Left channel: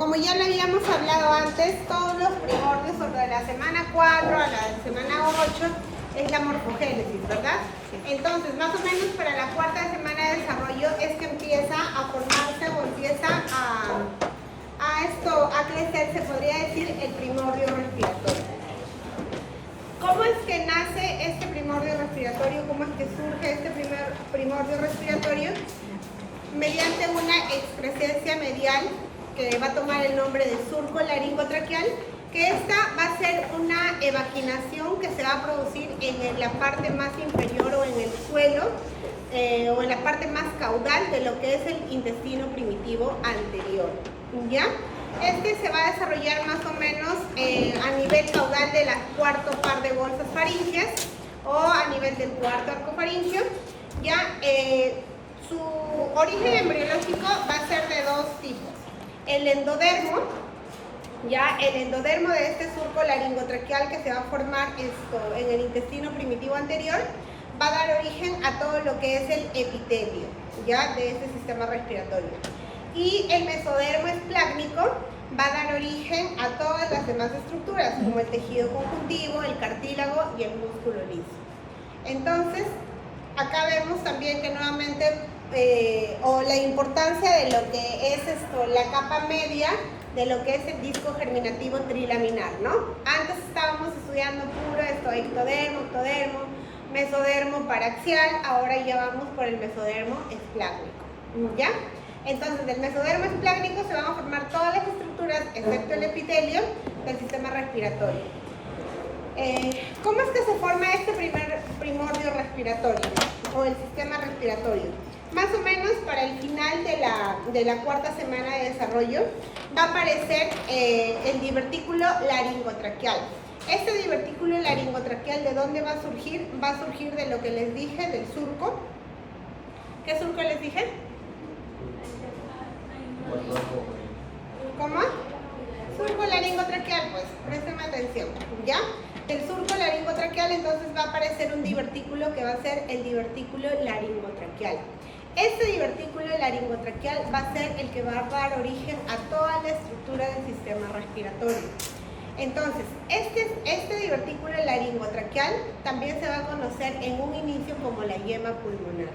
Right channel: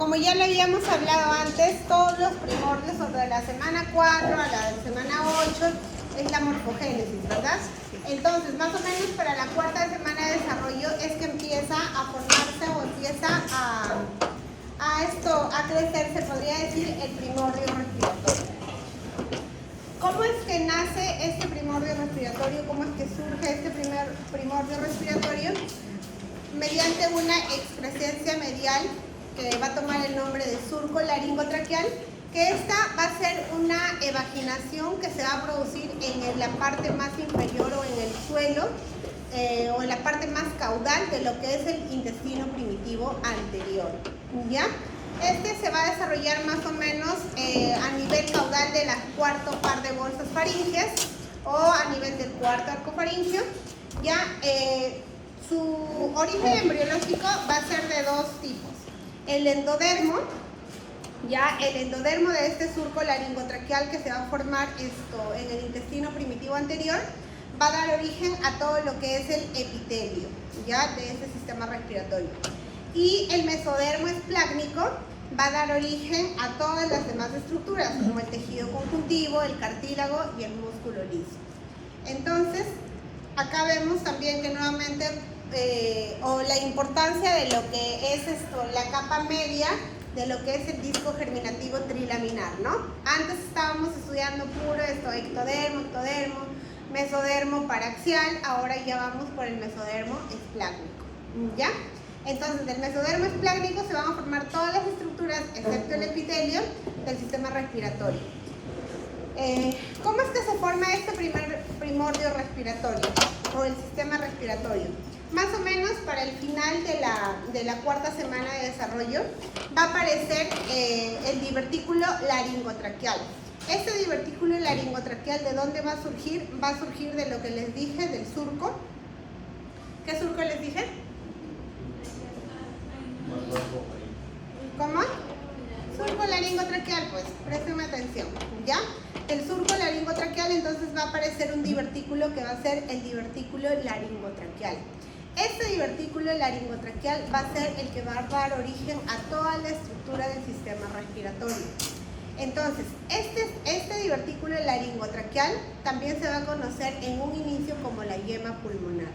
como ya lo habíamos hablado antes, todos los primordios sobre la semana 4 a la semana 8 es la morfogénesis, ¿verdad? Entonces, más o menos para la cuarta semana de desarrollo es que empieza a formarse o empieza a crecer, se podría decir, el primordio respiratorio. ¿Cómo es que nace este primordio respiratorio? ¿Cómo es que surge este primer primordio respiratorio? Mediante una excrescencia medial que va a tomar el nombre de surco laringotraqueal, que esta va a ser una evaginación que se va a producir en la parte más inferior o en el suelo o en la parte más caudal de lo que es el intestino primitivo anterior, ¿ya? Este se va a desarrollar más o menos a nivel caudal de la cuarto par de bolsas faríngeas o a nivel del cuarto arco faríngeo, ¿ya? Su origen embriológico va a ser de dos tipos. El endodermo, ya el endodermo de este surco laringotraqueal que se va a formar en el intestino primitivo anterior, va a dar origen a todo lo que es el epitelio, ya de este sistema respiratorio. Y el mesodermo esplácnico va a dar origen a todas las demás estructuras, como el tejido conjuntivo, el cartílago y el músculo liso. Entonces, acá vemos también que nuevamente, o la importancia de lo que es la capa media de lo que es el disco germinativo trilaminar, ¿no? Antes estábamos estudiando puro ectodermo, mesodermo paraxial, ahora ya vamos por el mesodermo esplácnico, ¿ya? Entonces, del mesodermo esplácnico se van a formar todas las estructuras, excepto el epitelio, del sistema respiratorio. ¿Cómo es que se forma este primer primordio respiratorio o el sistema respiratorio? Más o menos para el final de la cuarta semana de desarrollo va a aparecer el divertículo laringotraqueal. Este divertículo laringotraqueal, ¿de dónde va a surgir? Va a surgir de lo que les dije, del surco. ¿Qué surco les dije? ¿Cómo? Surco laringotraqueal, pues, présteme atención, ¿ya? El surco laringotraqueal, entonces va a aparecer un divertículo que va a ser el divertículo laringotraqueal. Este divertículo laringotraqueal va a ser el que va a dar origen a toda la estructura del sistema respiratorio. Entonces, este divertículo laringotraqueal también se va a conocer en un inicio como la yema pulmonar.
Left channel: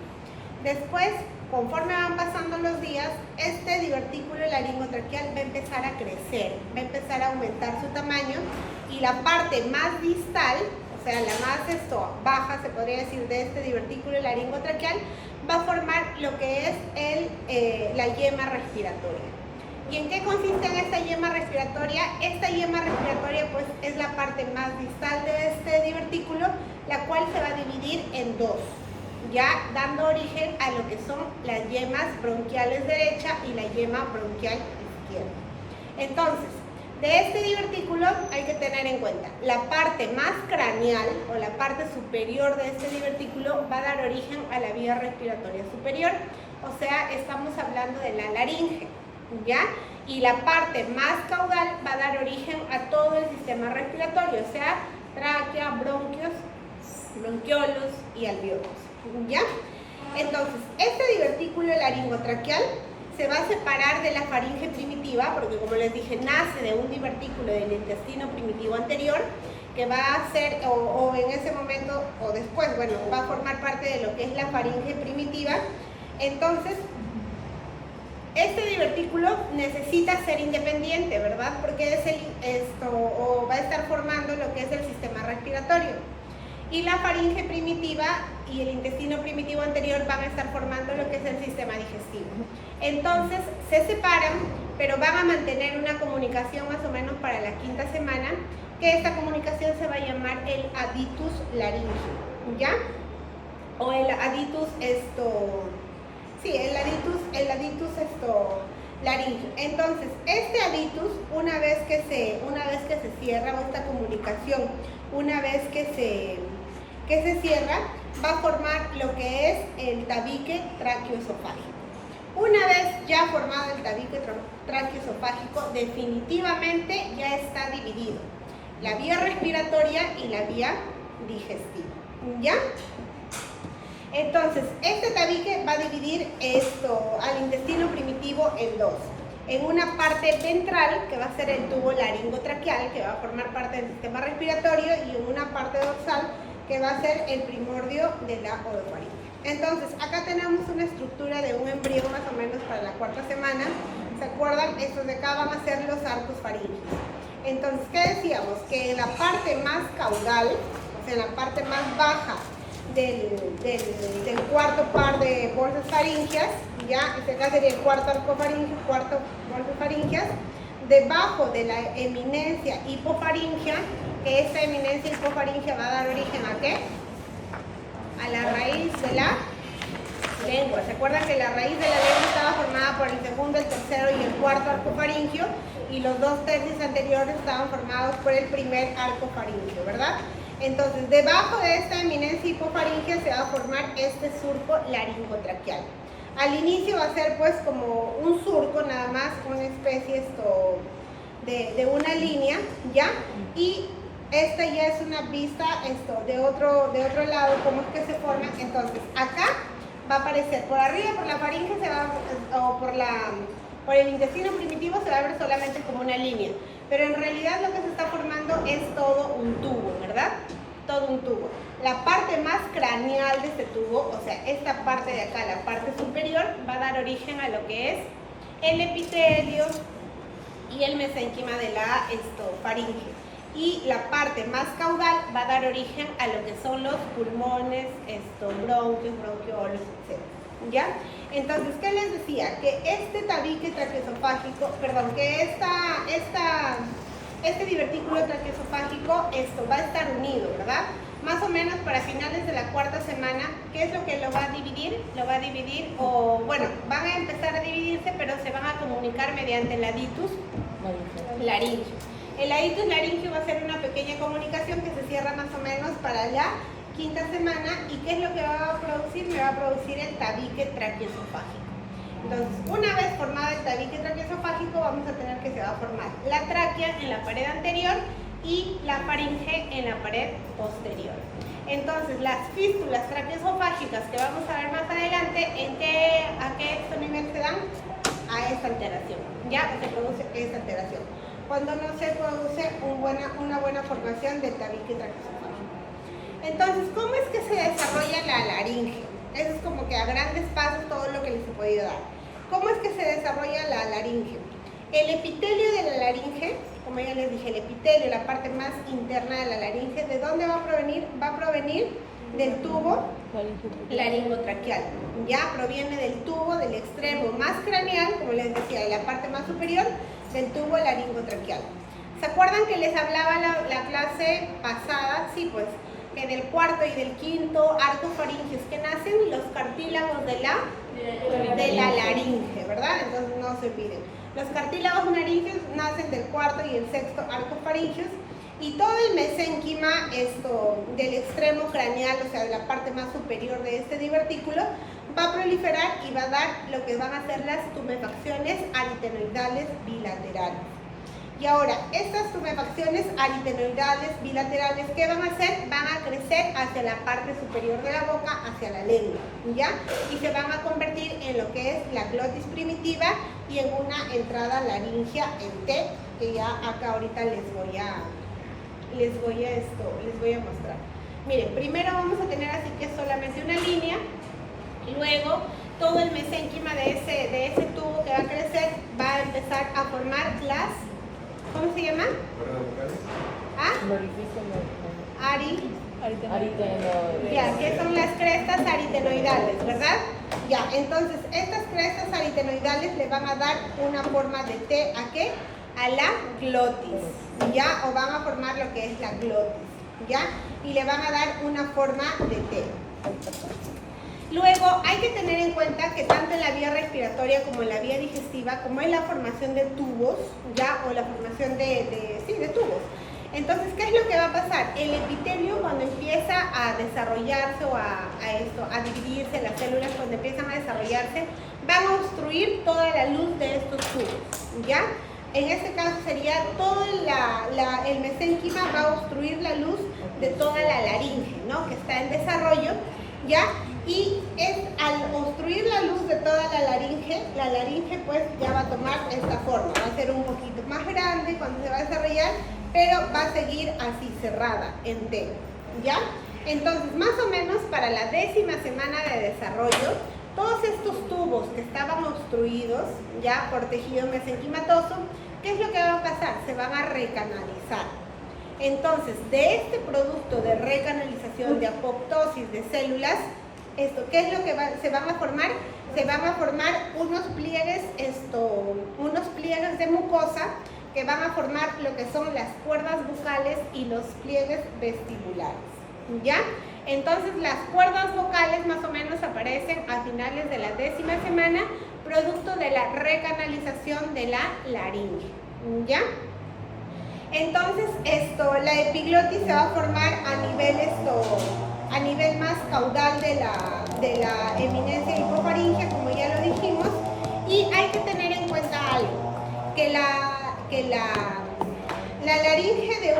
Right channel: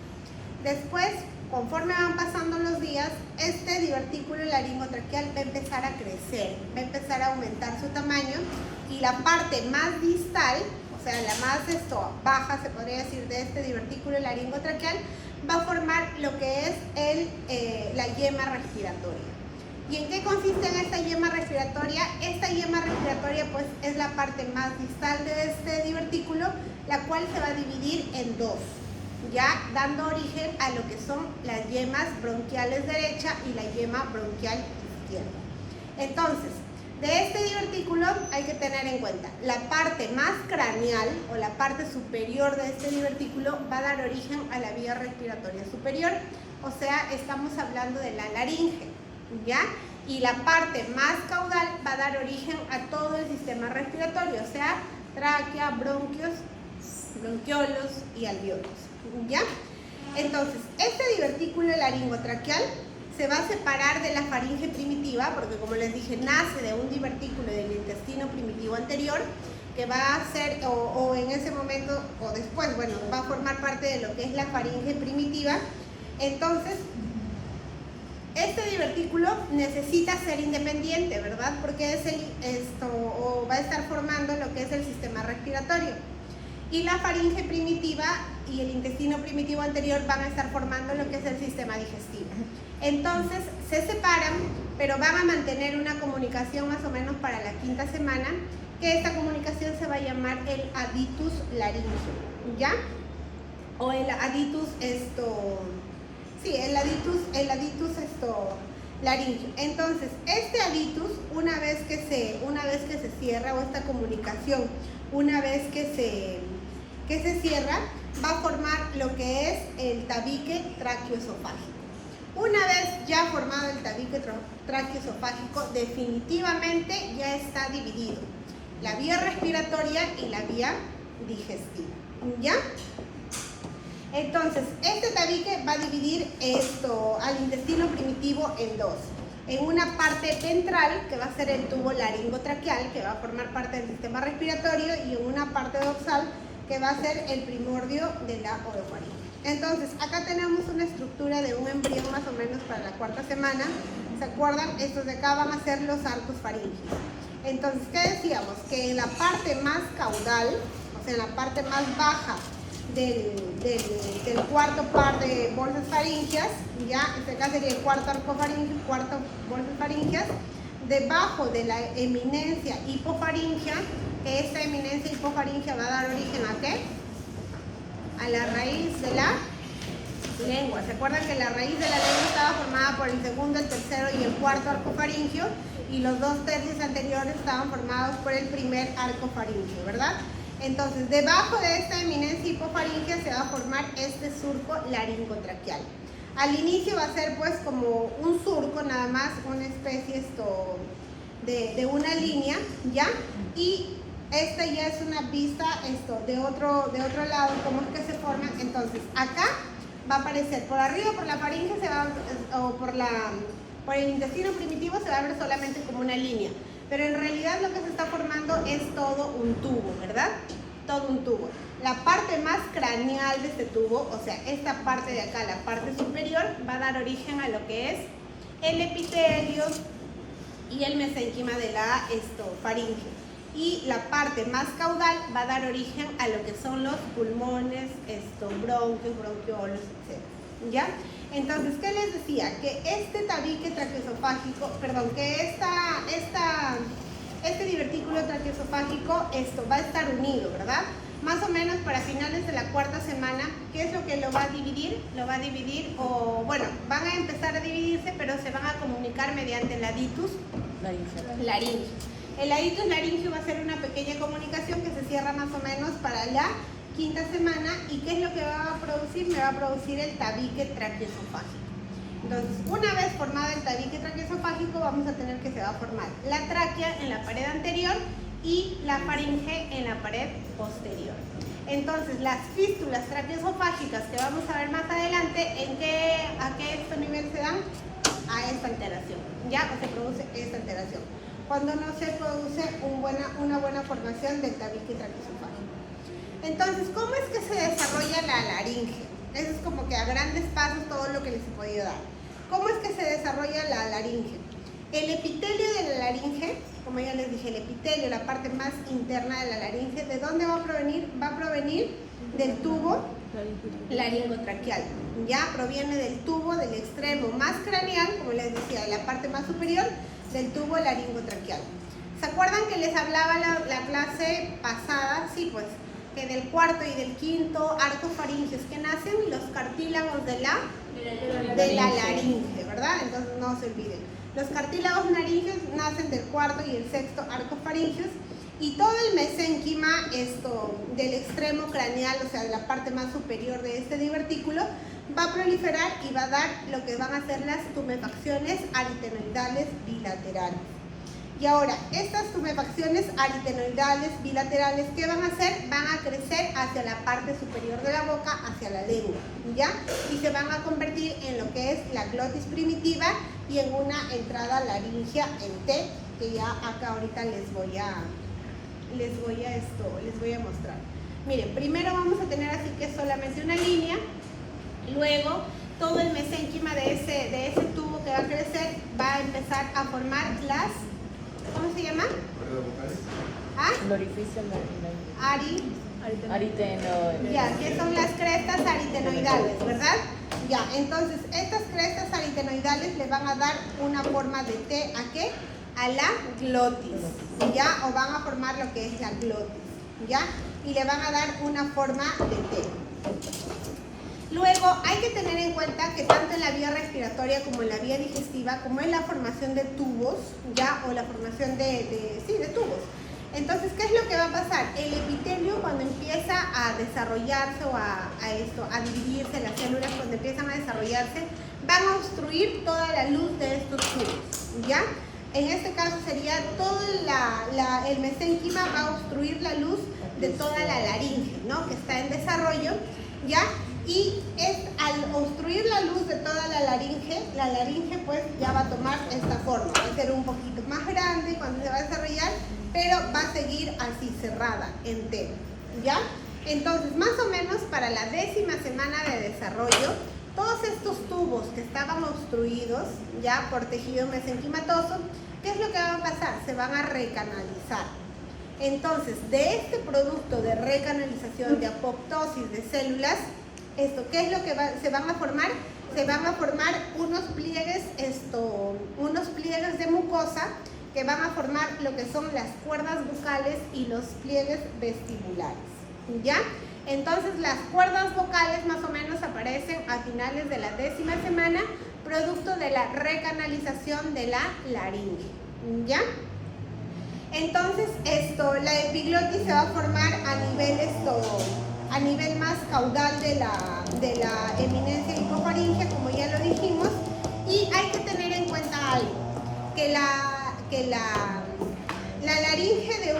Después, conforme van pasando los días, este divertículo laringotraqueal va a empezar a crecer, va a empezar a aumentar su tamaño y la parte más distal, o sea, la más baja, se podría decir, de este divertículo laringotraqueal, va a formar lo que es la yema respiratoria. ¿Y en qué consiste en esta yema respiratoria? Esta yema respiratoria, pues, es la parte más distal de este divertículo, la cual se va a dividir en dos, ya dando origen a lo que son las yemas bronquiales derecha y la yema bronquial izquierda. Entonces, de este divertículo hay que tener en cuenta la parte más craneal o la parte superior de este divertículo va a dar origen a la vía respiratoria superior, o sea, estamos hablando de la laringe, ¿ya? Y la parte más caudal va a dar origen a todo el sistema respiratorio, o sea, tráquea, bronquios, bronquiolos y alvéolos, ¿ya? Entonces, este divertículo laringotraqueal se va a separar de la faringe primitiva, porque como les dije, nace de un divertículo del intestino primitivo anterior, que va a ser, o en ese momento, o después, bueno, va a formar parte de lo que es la faringe primitiva. Entonces, este divertículo necesita ser independiente, ¿verdad? Porque va a estar formando lo que es el sistema respiratorio. Y la faringe primitiva y el intestino primitivo anterior van a estar formando lo que es el sistema digestivo. Entonces, se separan, pero van a mantener una comunicación más o menos para la quinta semana, que esta comunicación se va a llamar el aditus laringio, ¿ya? O el aditus laringio. Entonces, este aditus, una vez que se cierra, o esta comunicación, una vez que se cierra, va a formar lo que es el tabique traqueoesofágico. Una vez ya formado el tabique traqueoesofágico, definitivamente ya está dividido la vía respiratoria y la vía digestiva, ¿ya? Entonces, este tabique va a dividir al intestino primitivo en dos. en una parte ventral, que va a ser el tubo laringotraqueal, que va a formar parte del sistema respiratorio, y en una parte dorsal, que va a ser el primordio de la orofaringe. Entonces, acá tenemos una estructura de un embrión más o menos para la cuarta semana. ¿Se acuerdan? Estos de acá van a ser los arcos faringios. Entonces, ¿qué decíamos? Que en la parte más caudal, o sea, en la parte más baja del cuarto par de bolsas faringias, ya, este acá sería el cuarto arco faringio, cuarto bolsas faringias, debajo de la eminencia hipofaringia, que esta eminencia hipofaringia va a dar origen ¿a qué? A la raíz de la lengua. ¿Se acuerdan que la raíz de la lengua estaba formada por el segundo, el tercero y el cuarto arco faringio? Y los 2/3 anteriores estaban formados por el primer arco faringio, ¿verdad? Entonces, debajo de esta eminencia hipofaringia se va a formar este surco laringotraqueal. Al inicio va a ser pues como un surco, nada más, una especie de una línea, ¿ya? Y esta ya es una vista de otro lado, cómo es que se forma. Entonces, acá va a aparecer por arriba, por la faringe, o por el intestino primitivo se va a ver solamente como una línea. Pero en realidad lo que se está formando es todo un tubo, ¿verdad? Todo un tubo. La parte más craneal de este tubo, o sea, esta parte de acá, la parte superior, va a dar origen a lo que es el epitelio y el mesénquima de la faringe. Y la parte más caudal va a dar origen a lo que son los pulmones, bronquios, bronquiolos, etc. ¿Ya? Entonces, ¿qué les decía? Que este tabique traqueosofágico, perdón, que este divertículo traqueosofágico, va a estar unido, ¿verdad? Más o menos para finales de la cuarta semana, ¿qué es lo que lo va a dividir? Lo va a dividir, o bueno, van a empezar a dividirse, pero se van a comunicar mediante el aditus laringio. El aditus laringio va a ser una pequeña comunicación que se cierra más o menos para la quinta semana. ¿Y qué es lo que va a producir? Me va a producir el tabique traqueosofágico. Entonces, una vez formado el tabique traqueosofágico, vamos a tener que se va a formar la tráquea en la pared anterior y la faringe en la pared posterior. Entonces, las fístulas traqueosofágicas que vamos a ver más adelante, ¿a qué nivel se dan? A esta alteración. Ya se produce esta alteración. Cuando no se produce una buena formación del tabique traqueosofágico. Entonces, ¿cómo es que se desarrolla la laringe? Eso es como que a grandes pasos todo lo que les he podido dar. ¿Cómo es que se desarrolla la laringe? El epitelio de la laringe, como ya les dije, el epitelio, la parte más interna de la laringe, ¿de dónde va a provenir? Va a provenir del tubo laringotraqueal. Ya proviene del tubo del extremo más craneal, como les decía, de la parte más superior del tubo laringotraqueal. ¿Se acuerdan que les hablaba la clase pasada? Sí, pues, que del cuarto y del quinto arcos faringios que nacen los cartílagos de la laringe, ¿verdad? Entonces no se olviden. Los cartílagos laringios nacen del cuarto y el sexto arcos faringios, y todo el mesénquima del extremo craneal, o sea, de la parte más superior de este divertículo, va a proliferar y va a dar lo que van a ser las tumefacciones aritenoidales bilaterales. Y ahora, estas tumefacciones aritenoidales bilaterales, ¿qué van a hacer? Van a crecer hacia la parte superior de la boca, hacia la lengua, ¿ya? Y se van a convertir en lo que es la glotis primitiva y en una entrada laringea en T, que ya acá ahorita les voy a mostrar. Miren, primero vamos a tener así que solamente una línea, luego todo el mesénquima de ese tubo que va a crecer va a empezar a formar las, ¿cómo se llama? ¿Ah? Ya, que son las crestas aritenoidales, ¿verdad? Ya, entonces estas crestas aritenoidales le van a dar una forma de T, ¿a qué? A la glotis, ¿ya? O van a formar lo que es la glotis, ¿ya? Y le van a dar una forma de T. Luego hay que tener en cuenta que tanto en la vía respiratoria como en la vía digestiva, como en la formación de tubos, ¿ya? O la formación de tubos. Entonces, ¿qué es lo que va a pasar? El epitelio, cuando empieza a desarrollarse o a dividirse, las células cuando empiezan a desarrollarse, van a obstruir toda la luz de estos tubos, ¿ya? En este caso sería todo el mesénquima va a obstruir la luz de toda la laringe, ¿no? Que está en desarrollo, ¿ya? y es al obstruir la luz de toda la laringe pues ya va a tomar esta forma, va a ser un poquito más grande cuando se va a desarrollar, pero va a seguir así cerrada, entera, ¿ya? Entonces, más o menos para la 10ª semana de desarrollo, todos estos tubos que estaban obstruidos ya por tejido mesenquimatoso, ¿qué es lo que va a pasar? Se van a recanalizar. Entonces, de este producto de recanalización, de apoptosis de células, ¿qué es lo que se van a formar? Se van a formar unos pliegues de mucosa que van a formar lo que son las cuerdas bucales y los pliegues vestibulares, ¿ya? Entonces las cuerdas vocales más o menos aparecen a finales de la 10ª semana, producto de la recanalización de la laringe, ¿ya? Entonces la epiglotis se va a formar a nivel más caudal de la eminencia hipofaringea, como ya lo dijimos, y hay que tener en cuenta algo, que la laringe de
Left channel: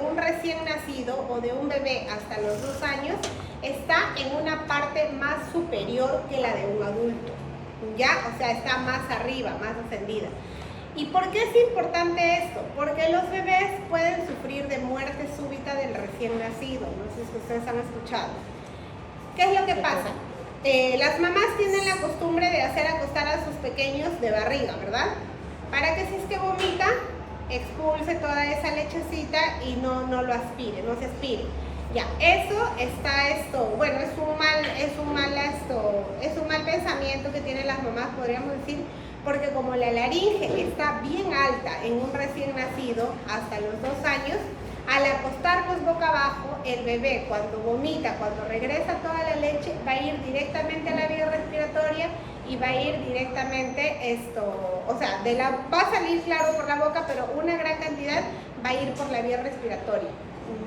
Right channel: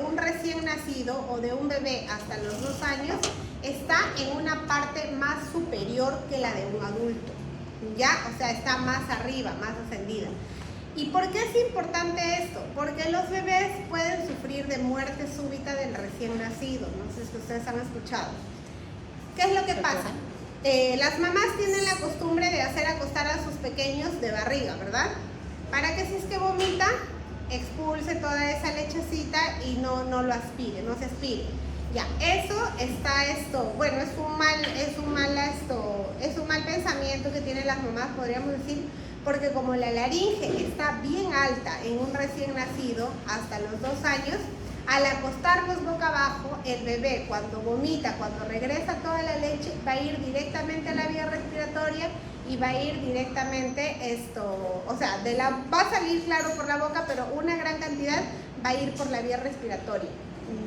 un recién nacido o de un bebé hasta los 2 años está en una parte más superior que la de un adulto, ¿ya? O sea, está más arriba, más ascendida. ¿Y por qué es importante esto? Porque los bebés pueden sufrir de muerte súbita del recién nacido, no sé si ustedes han escuchado. ¿Qué es lo que pasa? Las mamás tienen la costumbre de hacer acostar a sus pequeños de barriga, ¿verdad? Para que si es que vomita, expulse toda esa lechecita y no lo aspire, no se aspire. Ya, eso bueno, es un mal pensamiento que tienen las mamás, podríamos decir, porque como la laringe está bien alta en un recién nacido hasta los 2 años, al acostarnos boca abajo, el bebé cuando vomita, cuando regresa toda la leche, va a ir directamente a la vía respiratoria y va a ir directamente va a salir claro por la boca, pero una gran cantidad va a ir por la vía respiratoria,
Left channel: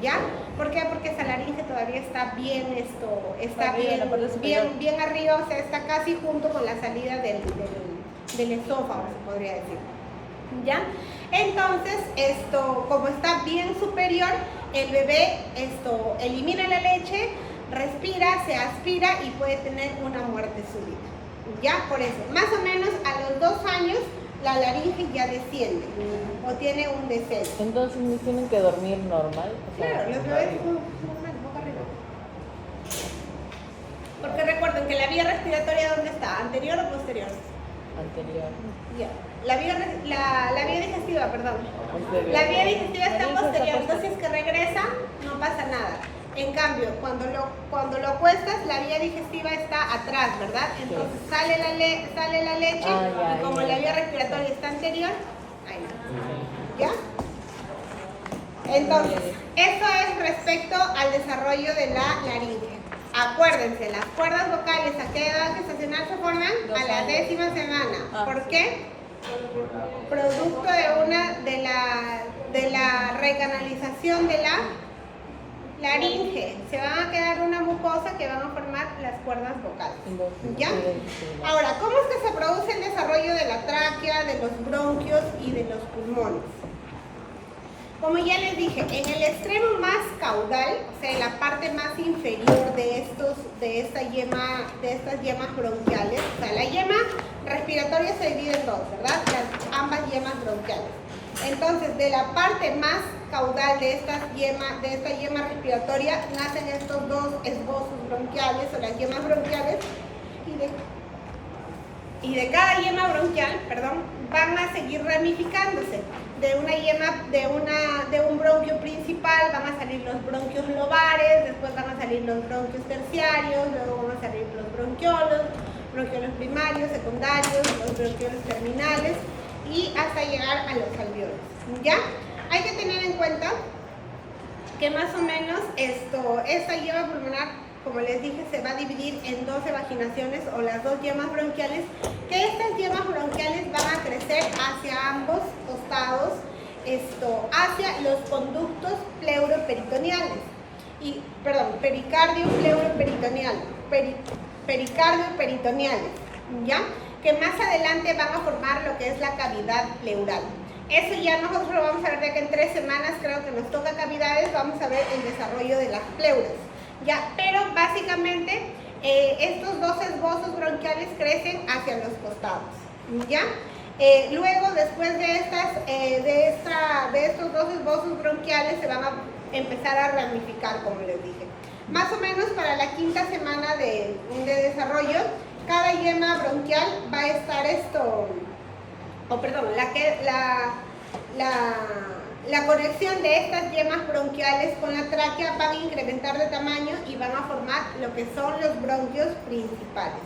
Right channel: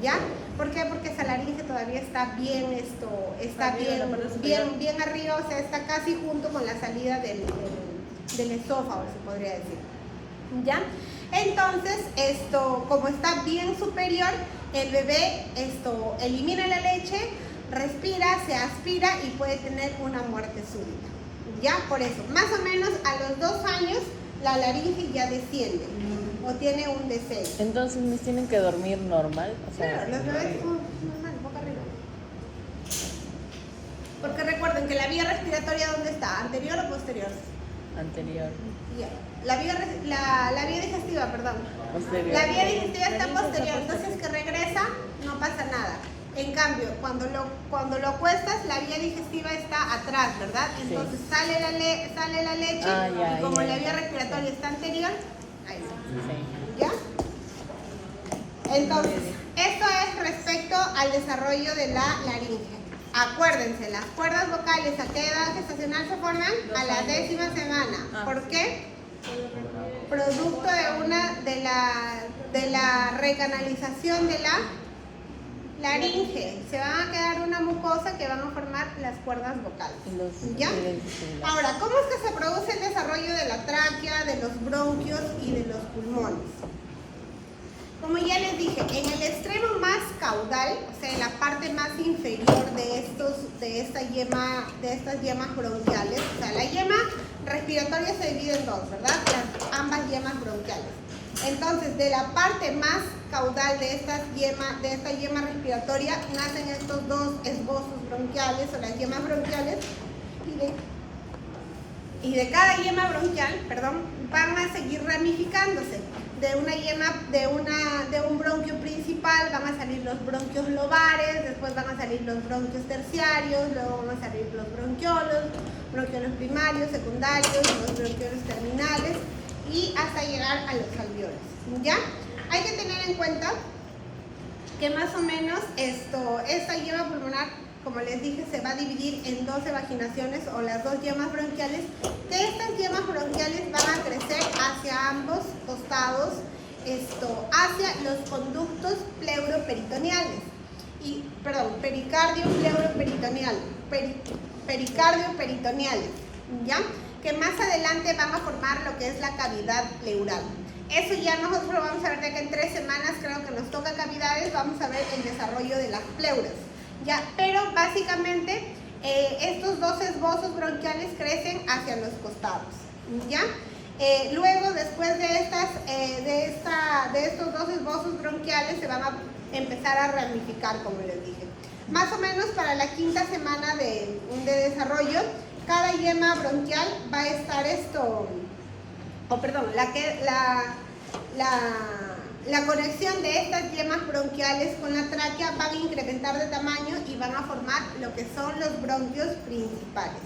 ¿ya? ¿Por qué? Porque esa laringe todavía está bien arriba, o sea, está casi junto con la salida del esófago, se podría decir, ¿ya? Entonces, como está bien superior, el bebé elimina la leche, respira, se aspira y puede tener una muerte súbita. Ya, por eso, más o menos a los 2 años la laringe ya desciende o tiene un descenso. Entonces, ¿no tienen que dormir normal? Claro, los bebés normal, boca arriba. Porque recuerden que la vía respiratoria, ¿dónde está? ¿Anterior o posterior? Anterior. Ya. La vía digestiva, perdón. La vía digestiva está posterior, entonces que regresa no pasa nada. En cambio, cuando lo cuestas, la vía digestiva está atrás, ¿verdad? Entonces sale la leche y como la vía respiratoria está anterior, ahí. ¿Ya? Entonces, eso es respecto al desarrollo de la laringe. Acuérdense, las cuerdas vocales a qué edad gestacional se forman? A la 10ª semana. ¿Por qué? Producto de la recanalización de la laringe. Se van a quedar una mucosa que van a formar las cuerdas vocales. ¿Ya? Ahora, ¿cómo es que se produce el desarrollo de la tráquea, de los bronquios y de los pulmones? Como ya les dije, en el extremo más caudal, o sea, en la parte más inferior de estas yemas bronquiales, o sea, la yema respiratoria se divide en 2, ¿verdad? Ambas yemas bronquiales. Entonces, de la parte más caudal de esta yema respiratoria nacen estos 2 esbozos bronquiales o las yemas bronquiales y de cada yema bronquial, van a seguir ramificándose. De un bronquio principal van a salir los bronquios lobares, después van a salir los bronquios terciarios, luego van a salir los bronquiolos primarios, secundarios, los bronquiolos terminales y hasta llegar a los alveolos, ¿ya? Hay que tener en cuenta que más o menos esta yema pulmonar, como les dije, se va a dividir en 2 evaginaciones o las 2 yemas bronquiales, que estas yemas bronquiales van a crecer hacia ambos costados, hacia los conductos pleuroperitoneales. Pericardio-peritoneales, ¿ya? Que más adelante van a formar lo que es la cavidad pleural. Eso ya nosotros lo vamos a ver de que en 3 semanas, creo que nos toca cavidades, vamos a ver el desarrollo de las pleuras. Ya, pero básicamente estos dos esbozos bronquiales crecen hacia los costados, ¿ya? Luego, después de estos dos esbozos bronquiales, se van a empezar a ramificar, como les dije. Más o menos para la quinta semana de desarrollo, cada yema bronquial va a estar la conexión de estas yemas bronquiales con la tráquea van a incrementar de tamaño y van a formar lo que son los bronquios principales.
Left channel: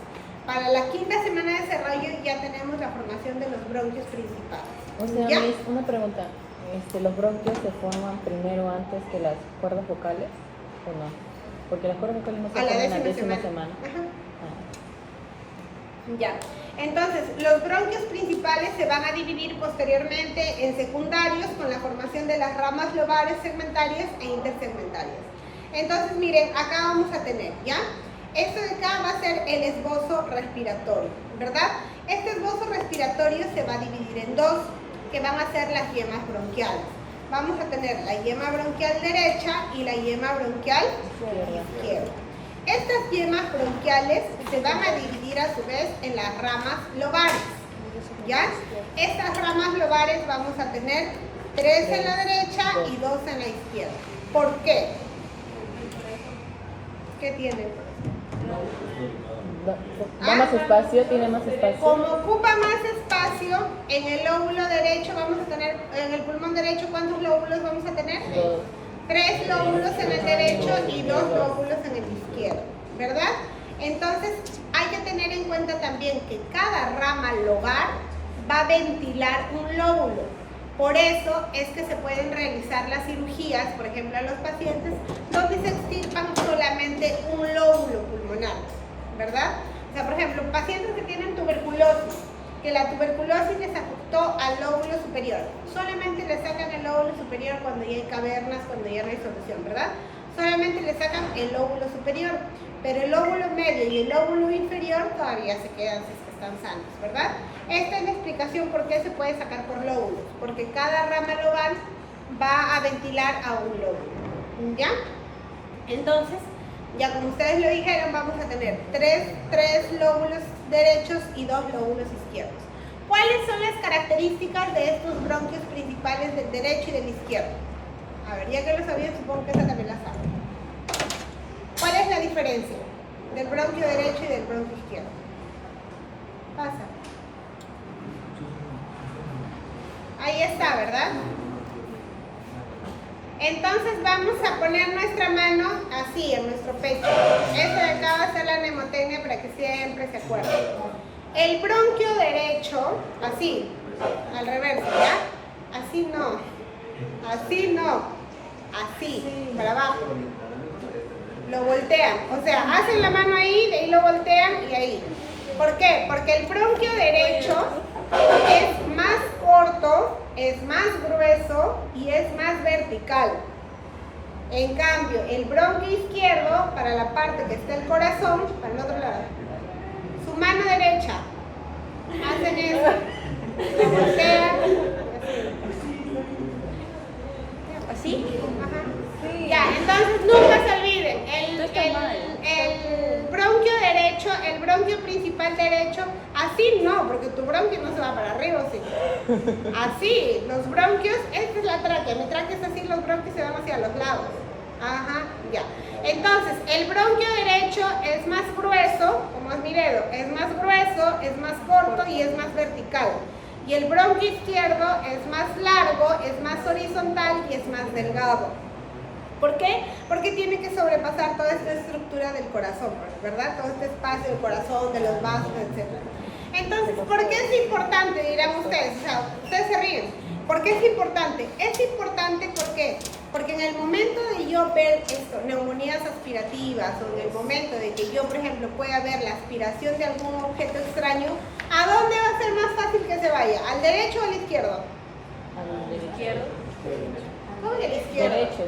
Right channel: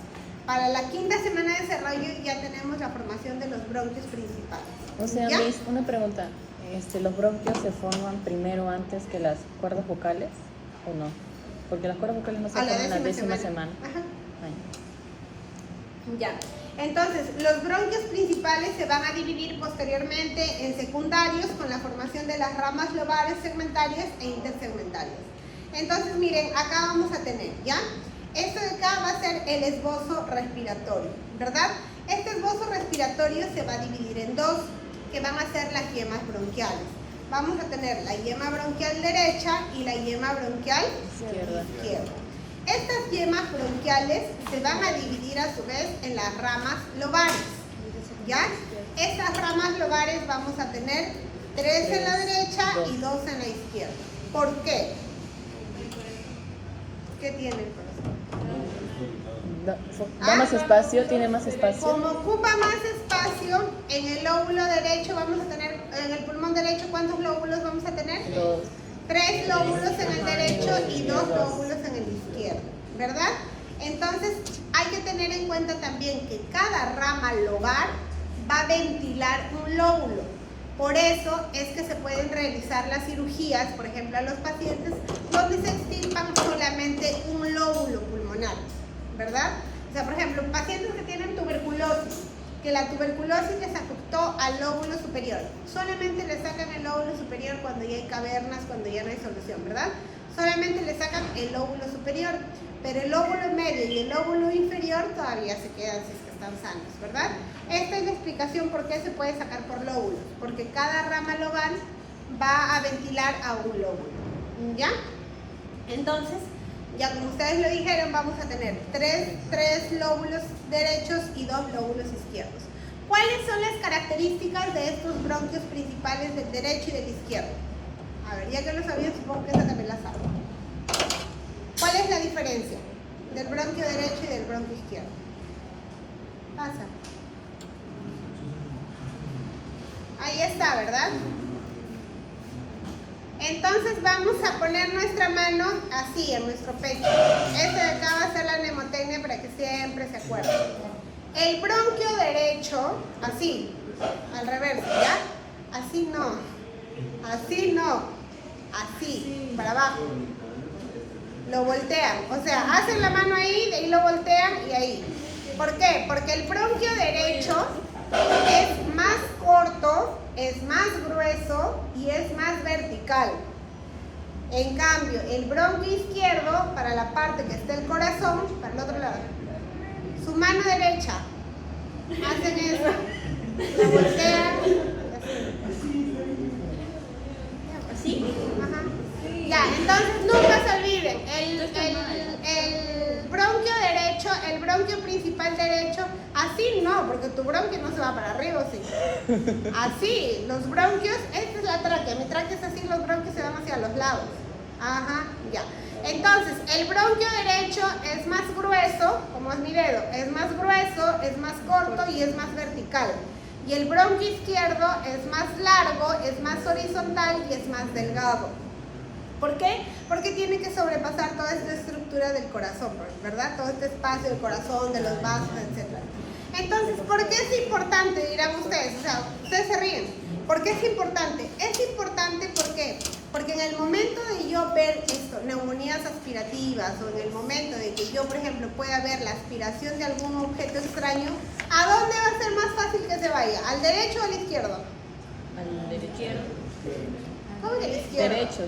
Para la quinta semana de desarrollo ya tenemos la formación de los bronquios principales. O sea, ¿Ya? Liz, una pregunta. ¿Los bronquios se forman primero antes que las cuerdas vocales o no? Porque las cuerdas vocales no se A la forman décima semana. semana. Ajá. Ah. Ya. Entonces, los bronquios principales se van a dividir posteriormente en secundarios con la formación de las ramas lobares segmentarias e intersegmentarias. Entonces, miren, acá vamos a tener, ¿ya? Esto de acá va a ser el esbozo respiratorio, ¿verdad? Este esbozo respiratorio se va a dividir en dos, que van a ser las yemas bronquiales. Vamos a tener la yema bronquial derecha y la yema bronquial izquierda. Estas yemas bronquiales se van a dividir a su vez en las ramas lobares, ¿ya? Estas ramas lobares vamos a tener 3 en la derecha y 2 en la izquierda. ¿Por qué? ¿Qué tiene el profesor? ¿Tiene más espacio? ¿Tiene más espacio? Como ocupa más espacio, en el lóbulo derecho vamos a tener, en el pulmón derecho, ¿cuántos lóbulos vamos a tener? 3 lóbulos en el derecho y 2 lóbulos en el izquierdo, ¿verdad? Entonces, hay que tener en cuenta también que cada rama lobar va a ventilar un lóbulo. Por eso es que se pueden realizar las cirugías, por ejemplo, a los pacientes donde se extirpan solamente un lóbulo pulmonar, ¿verdad? O sea, por ejemplo, pacientes que tienen tuberculosis, que la tuberculosis les afectó al lóbulo superior. Solamente le sacan el lóbulo superior cuando ya hay cavernas, cuando ya no hay solución, ¿verdad? Solamente le sacan el lóbulo superior, pero el lóbulo medio y el lóbulo inferior todavía se quedan si es que están sanos, ¿verdad? Esta es la explicación por qué se puede sacar por lóbulos, porque cada rama lobar va a ventilar a un lóbulo, ¿ya? Entonces, ya como ustedes lo dijeron, vamos a tener 3 lóbulos derechos y 2 lóbulos izquierdos. ¿Cuáles son las características de estos bronquios principales del derecho y del izquierdo? A ver, ya que lo sabían, supongo que esa también la saben. ¿Cuál es la diferencia del bronquio derecho y del bronquio izquierdo? Pasa. Ahí está, ¿verdad? Entonces vamos a poner nuestra mano así en nuestro pecho. Esto de acá va a ser la mnemotecnia para que siempre se acuerden. El bronquio derecho, así, al reverso, ¿ya? Así no, así no, así, para abajo. Lo voltean, o sea, hacen la mano ahí, de ahí lo voltean y ahí. ¿Por qué? Porque el bronquio derecho es más corto, es más grueso y es más vertical. En cambio, el bronquio izquierdo, para la parte que está el corazón, para el otro lado, su mano derecha, hacen eso, la voltean, así, ajá. Ya, entonces nunca se olviden, el bronquio derecho, el bronquio principal derecho, así no, porque tu bronquio no se va para arriba, ¿sí? Así, los bronquios, esta es la tráquea, mi tráquea es así, los bronquios se van hacia los lados. Ajá, ya. Entonces, el bronquio derecho es más grueso, como es mi dedo, es más grueso, es más corto y es más vertical. Y el bronquio izquierdo es más largo, es más horizontal y es más delgado. ¿Por qué? Porque tiene que sobrepasar toda esta estructura del corazón, ¿verdad? Todo este espacio del corazón, de los vasos, etc. Entonces, ¿por qué es importante? Dirán ustedes, o sea, ustedes se ríen. ¿Por qué es importante? Es importante porque en el momento de yo ver esto, neumonías aspirativas, o en el momento de que yo, por ejemplo, pueda ver la aspiración de algún objeto extraño, ¿a dónde va a ser más fácil que se vaya? ¿Al derecho o al izquierdo? Al izquierdo. ¿Cómo que al izquierdo? Derecho.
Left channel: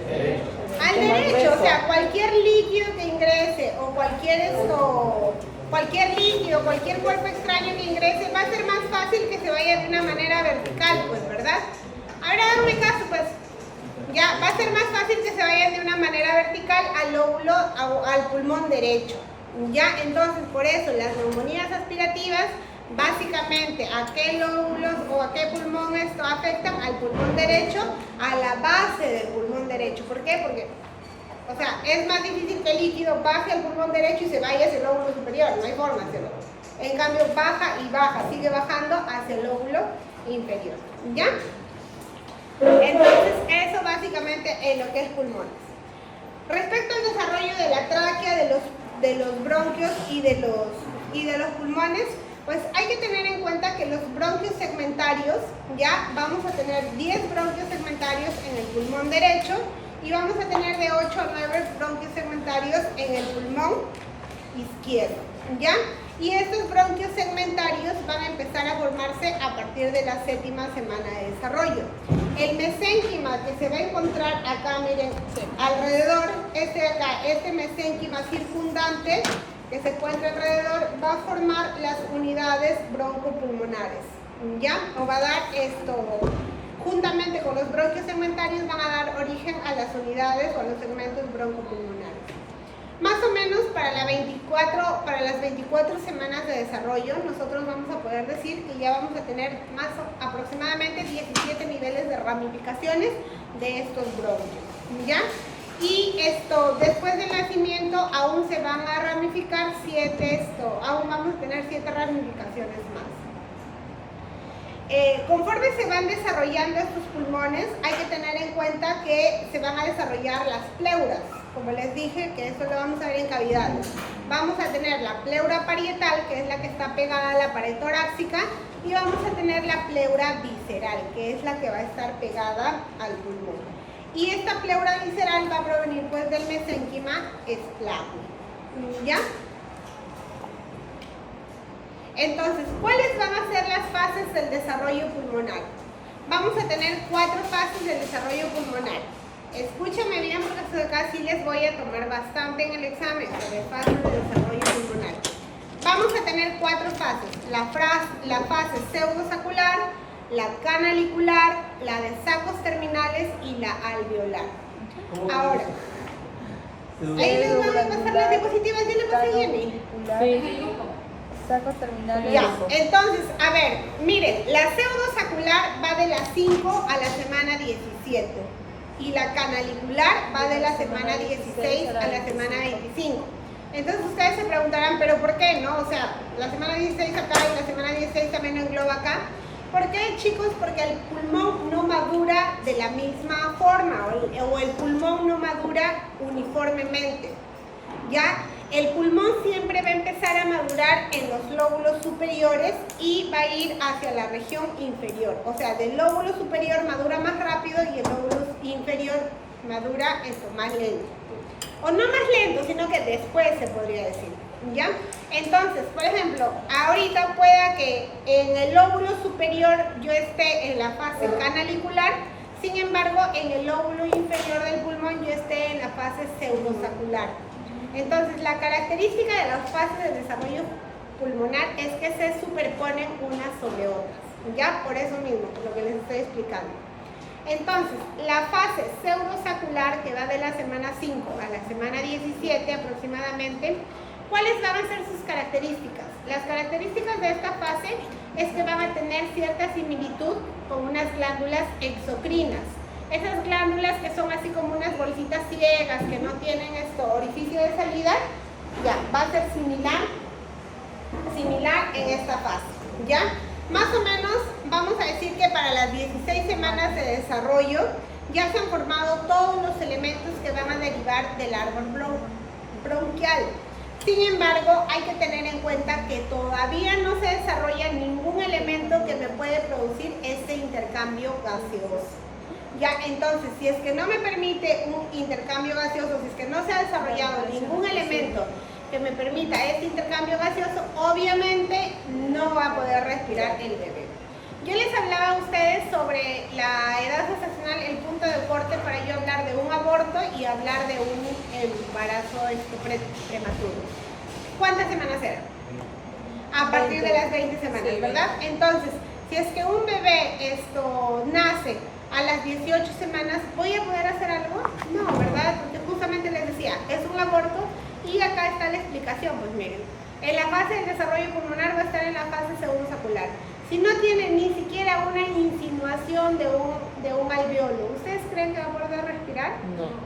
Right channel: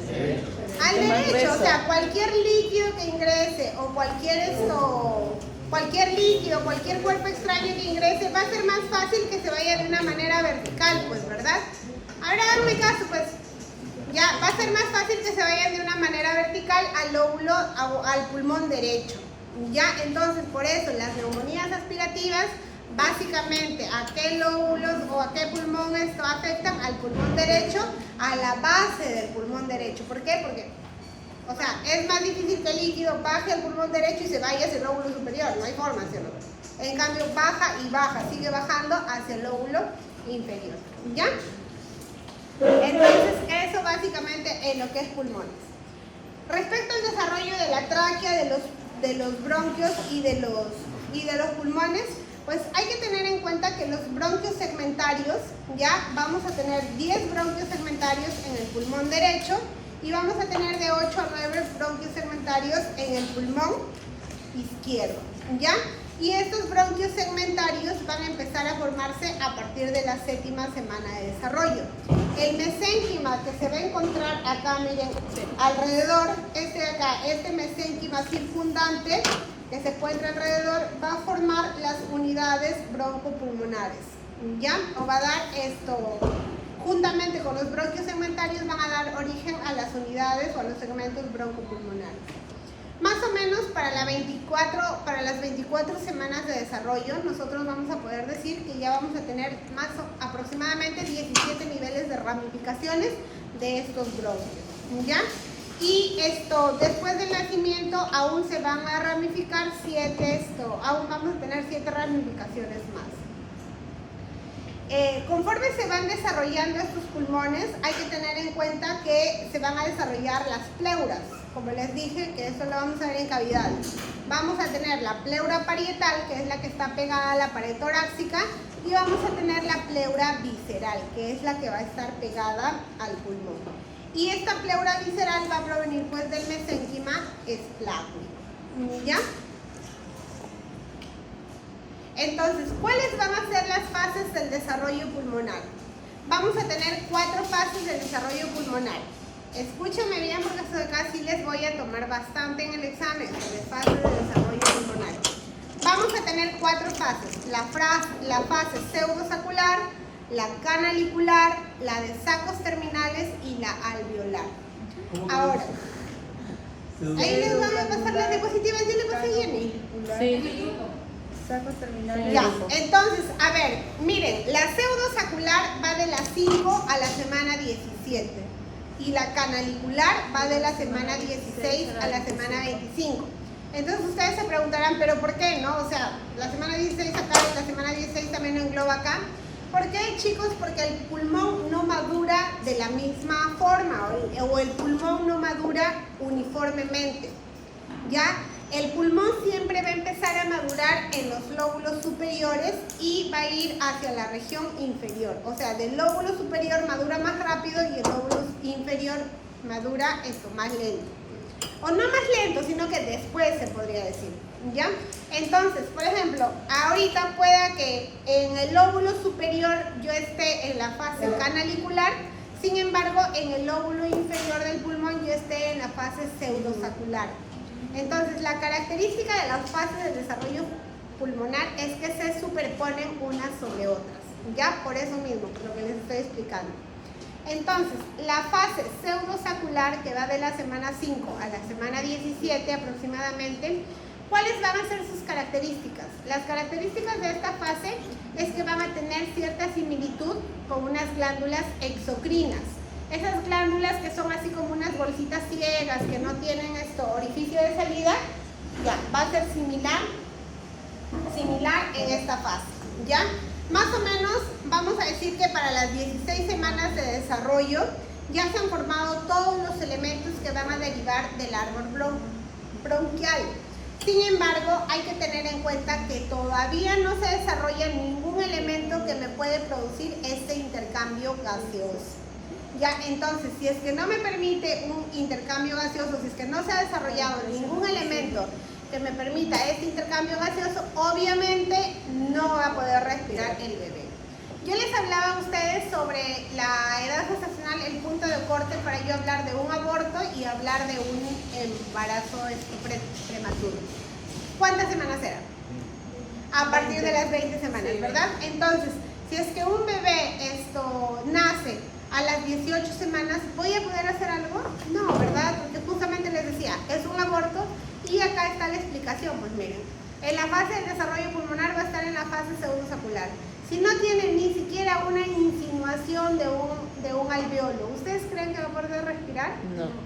Al derecho, o sea, cualquier líquido que ingrese o cualquier líquido, cualquier cuerpo extraño que ingrese, va a ser más fácil que se vaya de una manera vertical, pues, ¿verdad? Ahora háganme caso, pues, ya, va a ser más fácil que se vayan de una manera vertical al lóbulo, al pulmón derecho, Ya, entonces por eso las neumonías aspirativas, básicamente, ¿a qué lóbulos o a qué pulmón esto afectan? Al pulmón derecho, a la base del pulmón derecho. ¿Por qué? Porque, o sea, es más difícil que el líquido baje al pulmón derecho y se vaya hacia el lóbulo superior, no hay forma, ¿cierto? En cambio, baja y baja, sigue bajando hacia el lóbulo inferior, ¿ya? Entonces, eso básicamente es lo que es pulmones. Respecto al desarrollo de la tráquea, de los bronquios y de los pulmones, pues hay que tener en cuenta que los bronquios segmentarios, ya vamos a tener 10 bronquios segmentarios en el pulmón derecho y vamos a tener de 8 a 9 bronquios segmentarios en el pulmón izquierdo, ¿ya? Y estos bronquios segmentarios van a empezar a formarse a partir de la 7ª semana de desarrollo. El mesénquima que se va a encontrar acá, miren, alrededor, este de acá, este mesénquima circundante que se encuentra alrededor, va a formar las unidades broncopulmonares, ¿ya? O va a dar esto, juntamente con los bronquios segmentarios, van a dar origen a las unidades o a los segmentos broncopulmonares. Más o menos para las 24 semanas de desarrollo, nosotros vamos a poder decir que ya vamos a tener aproximadamente 17 niveles de ramificaciones de estos bronquios, ¿ya? Y después del nacimiento aún se van a ramificar aún vamos a tener 7 ramificaciones más. Conforme se van desarrollando estos pulmones, hay que tener en cuenta que se van a desarrollar las pleuras. Como les dije, que eso lo vamos a ver en cavidades. Vamos a tener la pleura parietal, que es la que está pegada a la pared torácica, y vamos a tener la pleura visceral, que es la que va a estar pegada al pulmón. Y esta pleura visceral va a provenir pues del mesénquima esplácnico, ¿ya? Entonces, ¿cuáles van a ser las fases del desarrollo pulmonar? Vamos a tener 4 fases del desarrollo pulmonar. Escúchame bien porque acá sí les voy a tomar bastante en el examen sobre fases de desarrollo pulmonar. Vamos a tener 4 fases. La fase pseudosacular, la canalicular, la de sacos terminales y la alveolar. Ahora, ahí les van a pasar las diapositivas. ¿Ya le pasé, Jenny? Sí. Sacos terminales. Ya, entonces, a ver, miren, la pseudosacular va de las 5 a la semana 17 y la canalicular va de la semana 16 a la semana 25. Entonces ustedes se preguntarán, ¿pero por qué no? O sea, la semana 16 acá y la semana 16 también lo engloba acá. ¿Por qué, chicos? Porque el pulmón no madura de la misma forma o el pulmón no madura uniformemente, ¿ya? El pulmón siempre va a empezar a madurar en los lóbulos superiores y va a ir hacia la región inferior. O sea, del lóbulo superior madura más rápido y el lóbulo inferior madura más lento. O no más lento, sino que después se podría decir, ¿ya? Entonces, por ejemplo, ahorita pueda que en el lóbulo superior yo esté en la fase canalicular, sin embargo, en el lóbulo inferior del pulmón yo esté en la fase pseudosacular. Entonces, la característica de las fases de desarrollo pulmonar es que se superponen unas sobre otras, ya por eso mismo, por lo que les estoy explicando. Entonces, la fase pseudosacular, que va de la semana 5 a la semana 17 aproximadamente, ¿cuáles van a ser sus características? Las características de esta fase es que van a tener cierta similitud con unas glándulas exocrinas. Esas glándulas que son así como unas bolsitas ciegas, que no tienen orificio de salida, ya, va a ser similar en esta fase, ¿ya? Más o menos vamos a decir que para las 16 semanas de desarrollo ya se han formado todos los elementos que van a derivar del árbol bronquial. Sin embargo, hay que tener en cuenta que todavía no se desarrolla ningún elemento que me puede producir este intercambio gaseoso. Ya, entonces, si es que no me permite un intercambio gaseoso, si es que no se ha desarrollado ningún elemento que me permita este intercambio gaseoso, obviamente no va a poder respirar el bebé. Yo les hablaba a ustedes sobre la edad gestacional, el punto de corte para yo hablar de un aborto y hablar de un embarazo prematuro. ¿Cuántas semanas eran? A partir de las 20 semanas, ¿verdad? Entonces, si es que un bebé nace a las 18 semanas, ¿voy a poder hacer algo? No, ¿verdad? Porque justamente les decía, es un aborto Y acá está la explicación, pues miren. En la fase de desarrollo pulmonar va a estar en la fase pseudosacular. Si no tiene ni siquiera una insinuación de un alveolo, ¿ustedes creen que va a poder respirar?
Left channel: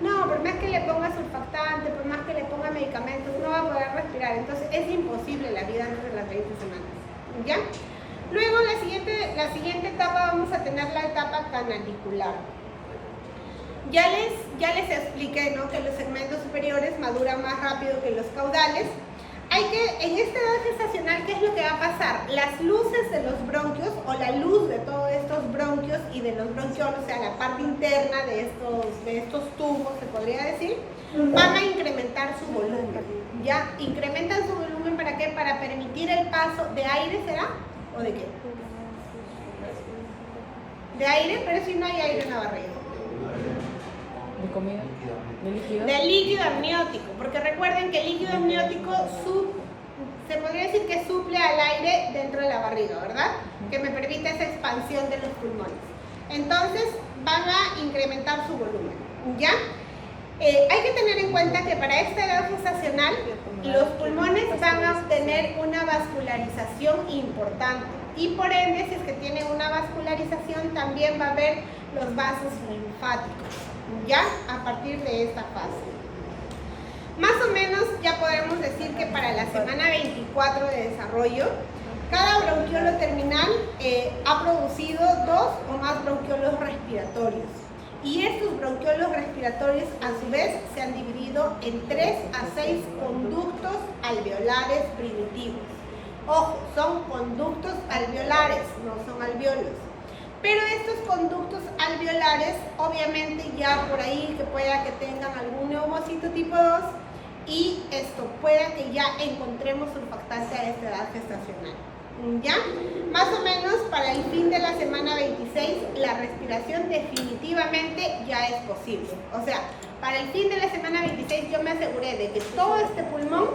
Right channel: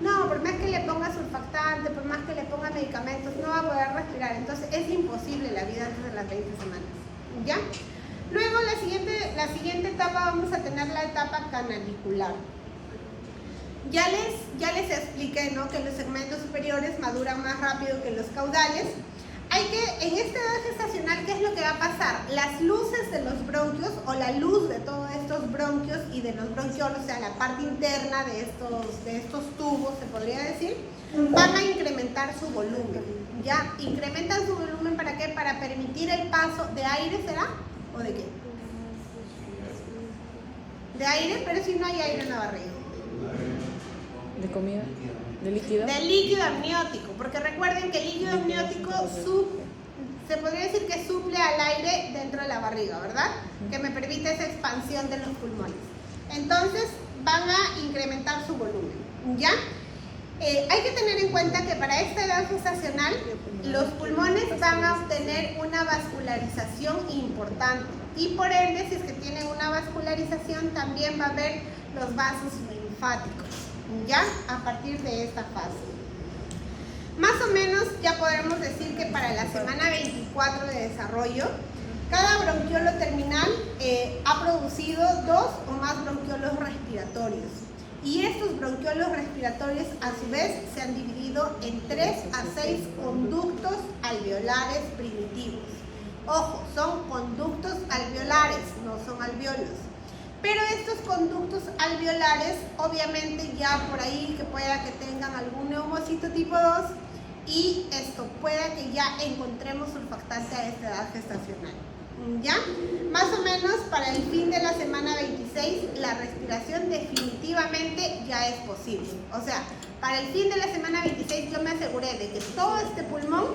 No, por más que le ponga surfactante, por más que le ponga medicamentos, no va a poder respirar. Entonces es imposible la vida antes de las 20 semanas. ¿Ya? Luego la siguiente etapa vamos a tener la etapa canalicular. Ya les expliqué, ¿no?, que los segmentos superiores maduran más rápido que los caudales. En esta edad gestacional, ¿qué es lo que va a pasar? Las luces de los bronquios, o la luz de todos estos bronquios y de los bronquiolos, o sea, la parte interna de estos tubos, se podría decir, van a incrementar su volumen. ¿Ya? Incrementan su volumen, ¿para qué? Para permitir el paso de aire, ¿será? ¿O de qué? De aire, pero si no hay aire en la barriga. ¿De comida? ¿De líquido? De líquido amniótico, porque recuerden que el líquido amniótico se podría decir que suple al aire dentro de la barriga, ¿verdad? Que me permite esa expansión de los pulmones. Entonces van a incrementar su volumen, ¿ya? Hay que tener en cuenta que para esta edad gestacional los pulmones van a obtener una vascularización importante y por ende, si es que tienen una vascularización, también va a haber los vasos linfáticos, ya a partir de esta fase. Más o menos ya podemos decir que para la semana 24 de desarrollo, cada bronquiolo terminal ha producido 2 o más bronquiolos respiratorios. Y estos bronquiolos respiratorios a su vez se han dividido en 3 a 6 conductos alveolares primitivos. Ojo, son conductos alveolares, no son alveolos. Pero estos conductos alveolares, obviamente ya por ahí que pueda que tengan algún neumocito tipo 2 y esto pueda que ya encontremos surfactante a esta edad gestacional. ¿Ya? Más o menos para el fin de la semana 26 la respiración definitivamente ya es posible. O sea, para el fin de la semana 26 yo me aseguré de que todo este pulmón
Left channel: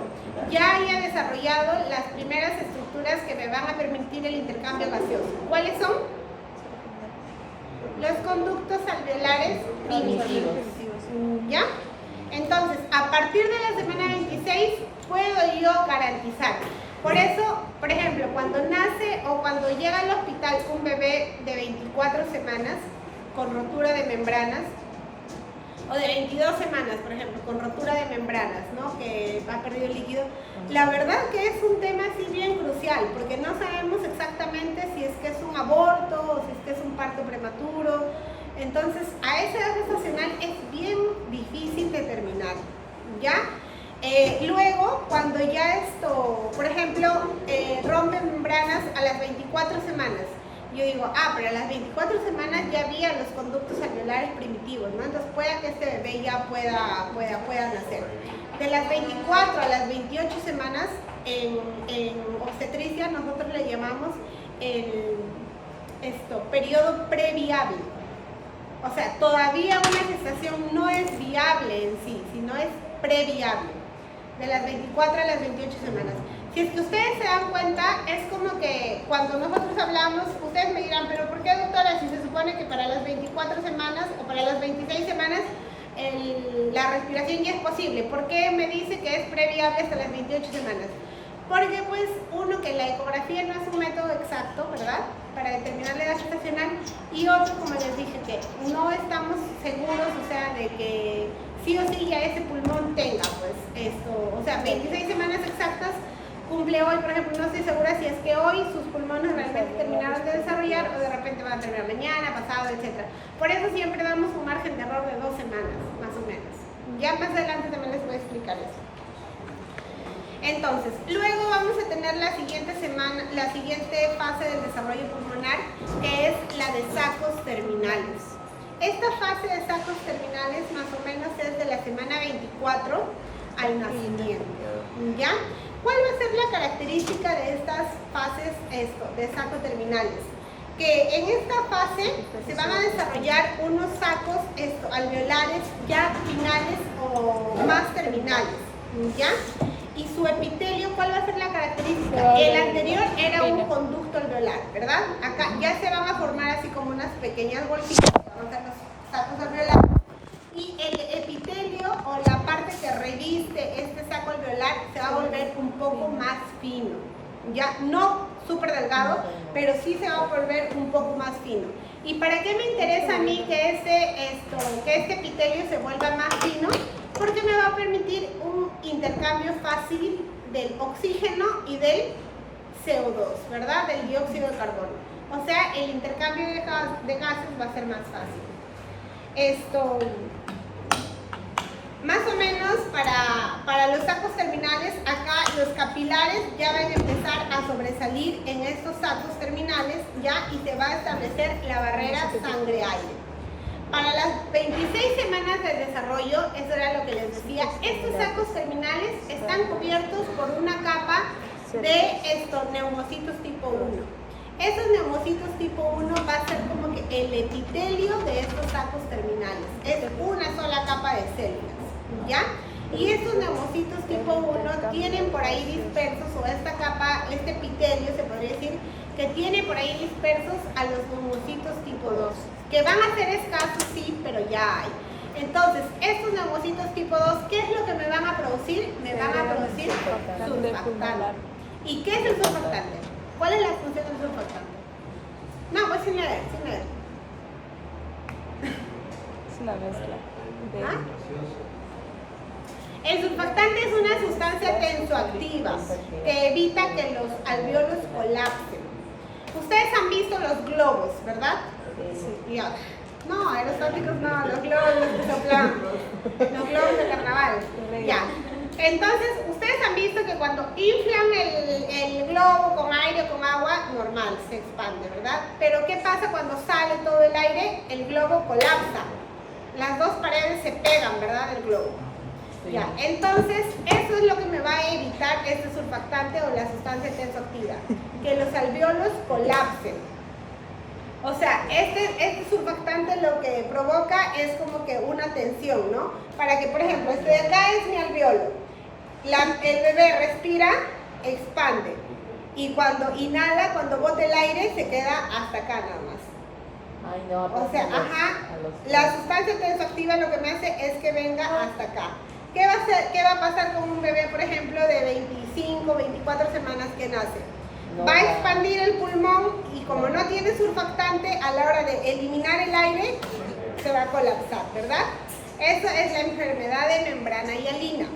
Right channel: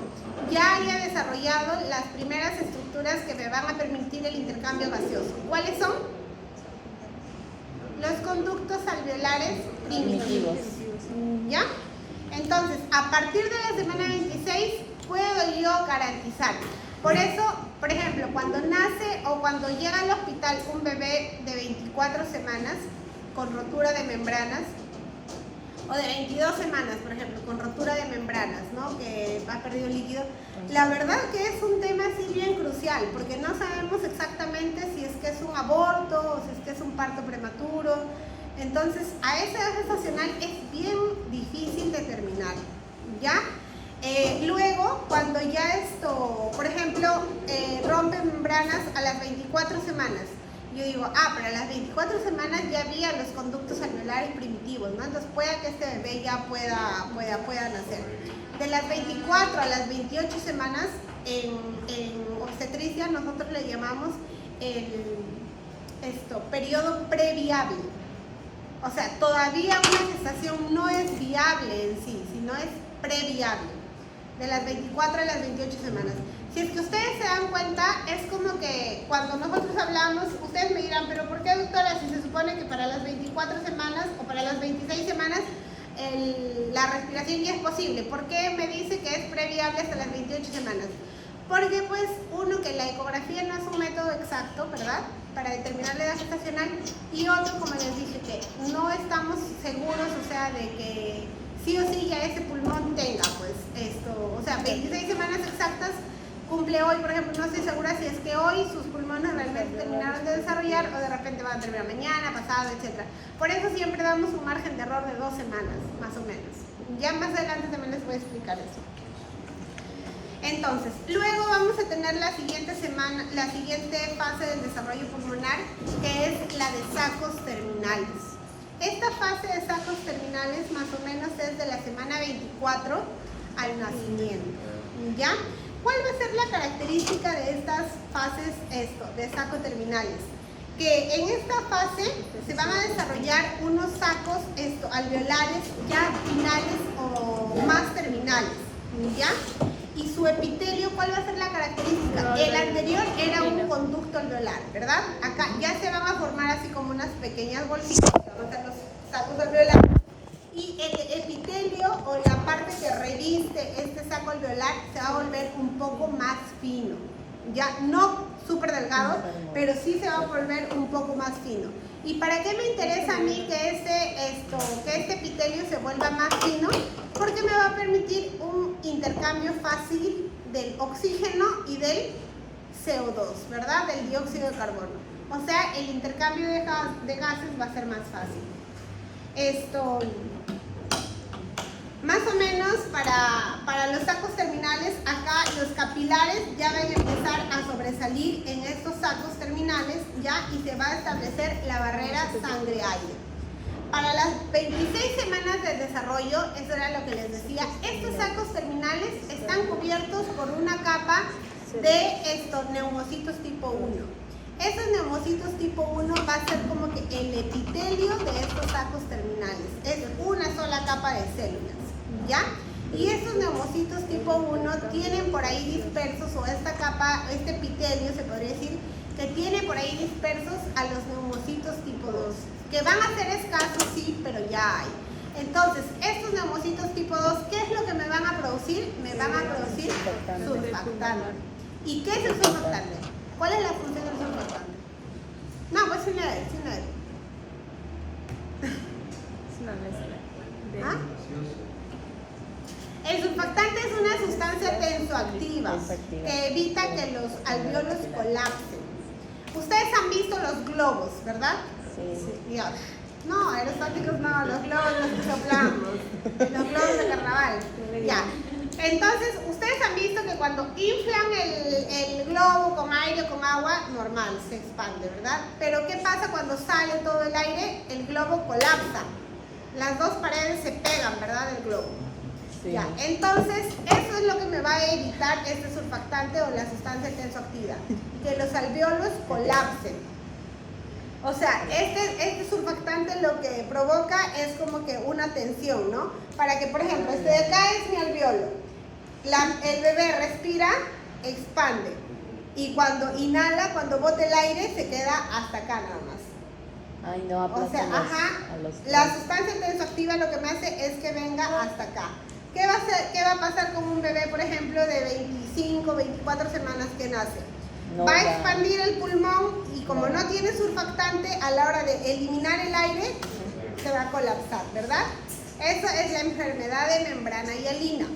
ya haya desarrollado las primeras estructuras que me van a permitir el intercambio gaseoso. ¿Cuáles son? Los conductos alveolares primitivos. ¿Ya? Entonces, a partir de la semana 26 puedo yo garantizar. Por eso, por ejemplo, cuando nace o cuando llega al hospital un bebé de 24 semanas con rotura de membranas, o de 22 semanas, por ejemplo, con rotura de membranas, ¿no?, que ha perdido líquido, la verdad que es un tema así bien crucial, porque no sabemos exactamente si es que es un aborto o si es que es un parto prematuro. Entonces, a esa edad gestacional es bien difícil determinar, ¿ya? Luego, cuando ya esto, por ejemplo, rompe membranas a las 24 semanas, yo digo, pero a las 24 semanas ya había los conductos alveolares primitivos, ¿no? Entonces pueda que este bebé ya pueda nacer. De las 24 a las 28 semanas, en obstetricia nosotros le llamamos periodo previable. O sea, todavía una gestación no es viable en sí, sino es previable. De las 24 a las 28 semanas. Si es que ustedes se dan cuenta, es como que cuando nosotros hablamos, ustedes me dirán, pero ¿por qué, doctora, si se supone que para las 24 semanas o para las 26 semanas la respiración ya es posible? ¿Por qué me dice que es previable hasta las 28 semanas? Porque pues uno, que la ecografía no es un método exacto, ¿verdad?, para determinar la edad gestacional, y otro, como les dije, que no estamos seguros, o sea, de que sí o sí ya ese pulmón tenga pues esto, o sea, 26 semanas exactas cumple hoy, por ejemplo. No estoy segura si es que hoy sus pulmones realmente terminaron de desarrollar o de repente van a terminar mañana, pasado, etc. Por eso siempre damos un margen de error de 2 semanas, más o menos. Ya más adelante también les voy a explicar eso. Entonces, luego vamos a tener la siguiente fase del desarrollo pulmonar, que es la de sacos terminales. Esta fase de sacos terminales más o menos es de la semana 24 al nacimiento, ¿ya? ¿Cuál va a ser la característica de estas fases de sacos terminales? Que en esta fase se van a desarrollar unos sacos alveolares ya finales o más terminales, ¿ya? Y su epitelio, ¿cuál va a ser la característica? El anterior era un conducto alveolar, ¿verdad? Acá ya se van a formar así como unas pequeñas bolsitas, que van a ser los sacos alveolares. y el epitelio o la parte que reviste este saco alveolar se va a volver un poco más fino, ya no súper delgado, pero sí se va a volver un poco más fino. ¿Y para qué me interesa a mí que este epitelio se vuelva más fino? Porque me va a permitir un intercambio fácil del oxígeno y del CO2, ¿verdad? Del dióxido de carbono. O sea, el intercambio de gases va a ser más fácil. Más o menos para los sacos terminales, acá los capilares ya van a empezar a sobresalir en estos sacos terminales, ya, y se va a establecer la barrera sangre-aire. Para las 26 semanas de desarrollo, eso era lo que les decía, estos sacos terminales están cubiertos por una capa de estos neumocitos tipo 1. Esos neumocitos tipo 1 va a ser como que el epitelio de estos sacos terminales. Es una sola capa de células, ¿ya? Y estos neumocitos tipo 1 tienen por ahí dispersos, o esta capa, este epitelio se podría decir, que tiene por ahí dispersos a los neumocitos tipo 2, que van a ser escasos, sí, pero ya hay. Entonces, estos neumocitos tipo 2, ¿qué es lo que me van a producir? Me van a producir surfactante. ¿Y qué es el surfactante? ¿Cuál es la función del surfactante? No, pues sin leer. Es una mezcla. ¿Ah? El surfactante es una sustancia tensoactiva que evita que los alvéolos colapsen. Ustedes han visto los globos, ¿verdad? Sí. Ya. No, aerostáticos no, los globos los que soplan, los globos de carnaval. Ya. Entonces, ustedes han visto que cuando inflan el globo con aire o con agua, normal, se expande, ¿verdad? Pero ¿qué pasa cuando sale todo el aire? El globo colapsa. Las dos paredes se pegan, ¿verdad? Del globo. Sí. Ya, entonces, eso es lo que me va a evitar este surfactante o la sustancia tensoactiva, que los alvéolos colapsen. O sea, este surfactante lo que provoca es como que una tensión, ¿no? Para que, por ejemplo, este de acá es mi alvéolo. El bebé respira, expande. Y cuando inhala, cuando bota el aire, se queda hasta acá nada más. Ay, no, o sea, la sustancia tensoactiva lo que me hace es que venga hasta acá. ¿Qué va a pasar con un bebé, por ejemplo, de 25, 24 semanas que nace? Va a expandir el pulmón y como no tiene surfactante, a la hora de eliminar el aire, se va a colapsar, ¿verdad? Eso es la enfermedad de membrana hialina,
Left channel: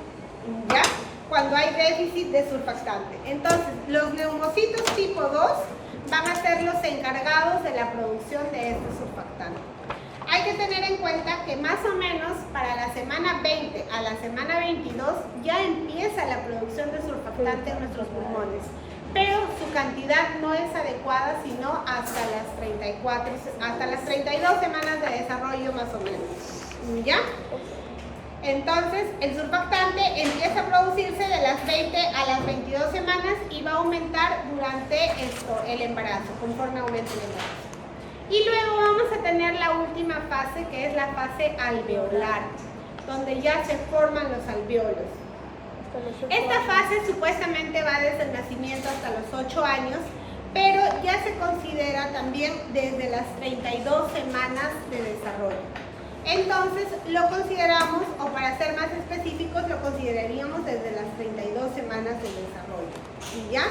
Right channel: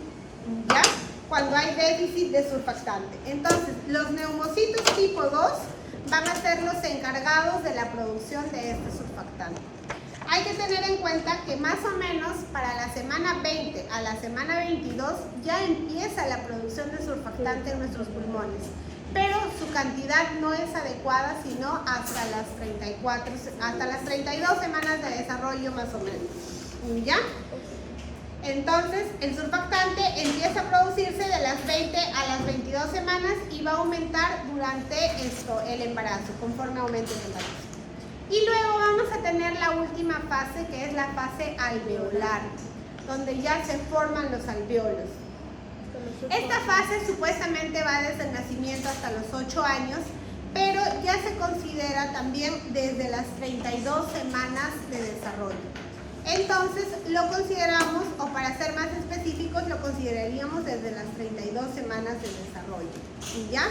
¿ya? Cuando hay déficit de surfactante. Entonces, los neumocitos tipo 2 van a ser los encargados de la producción de este surfactante. Hay que tener en cuenta que más o menos para la semana 20 a la semana 22 ya empieza la producción de surfactante en nuestros pulmones, pero su cantidad no es adecuada sino hasta las 32 semanas de desarrollo más o menos, ¿ya? Entonces, el surfactante empieza a producirse de las 20 a las 22 semanas y va a aumentar durante el embarazo, conforme aumente el embarazo. Y luego vamos a tener la última fase, que es la fase alveolar, donde ya se forman los alvéolos. Esta fase supuestamente va desde el nacimiento hasta los 8 años, pero ya se considera también desde las 32 semanas de desarrollo. Entonces lo consideramos, o para ser más específicos, lo consideraríamos desde las 32 semanas de desarrollo. ¿Y ya?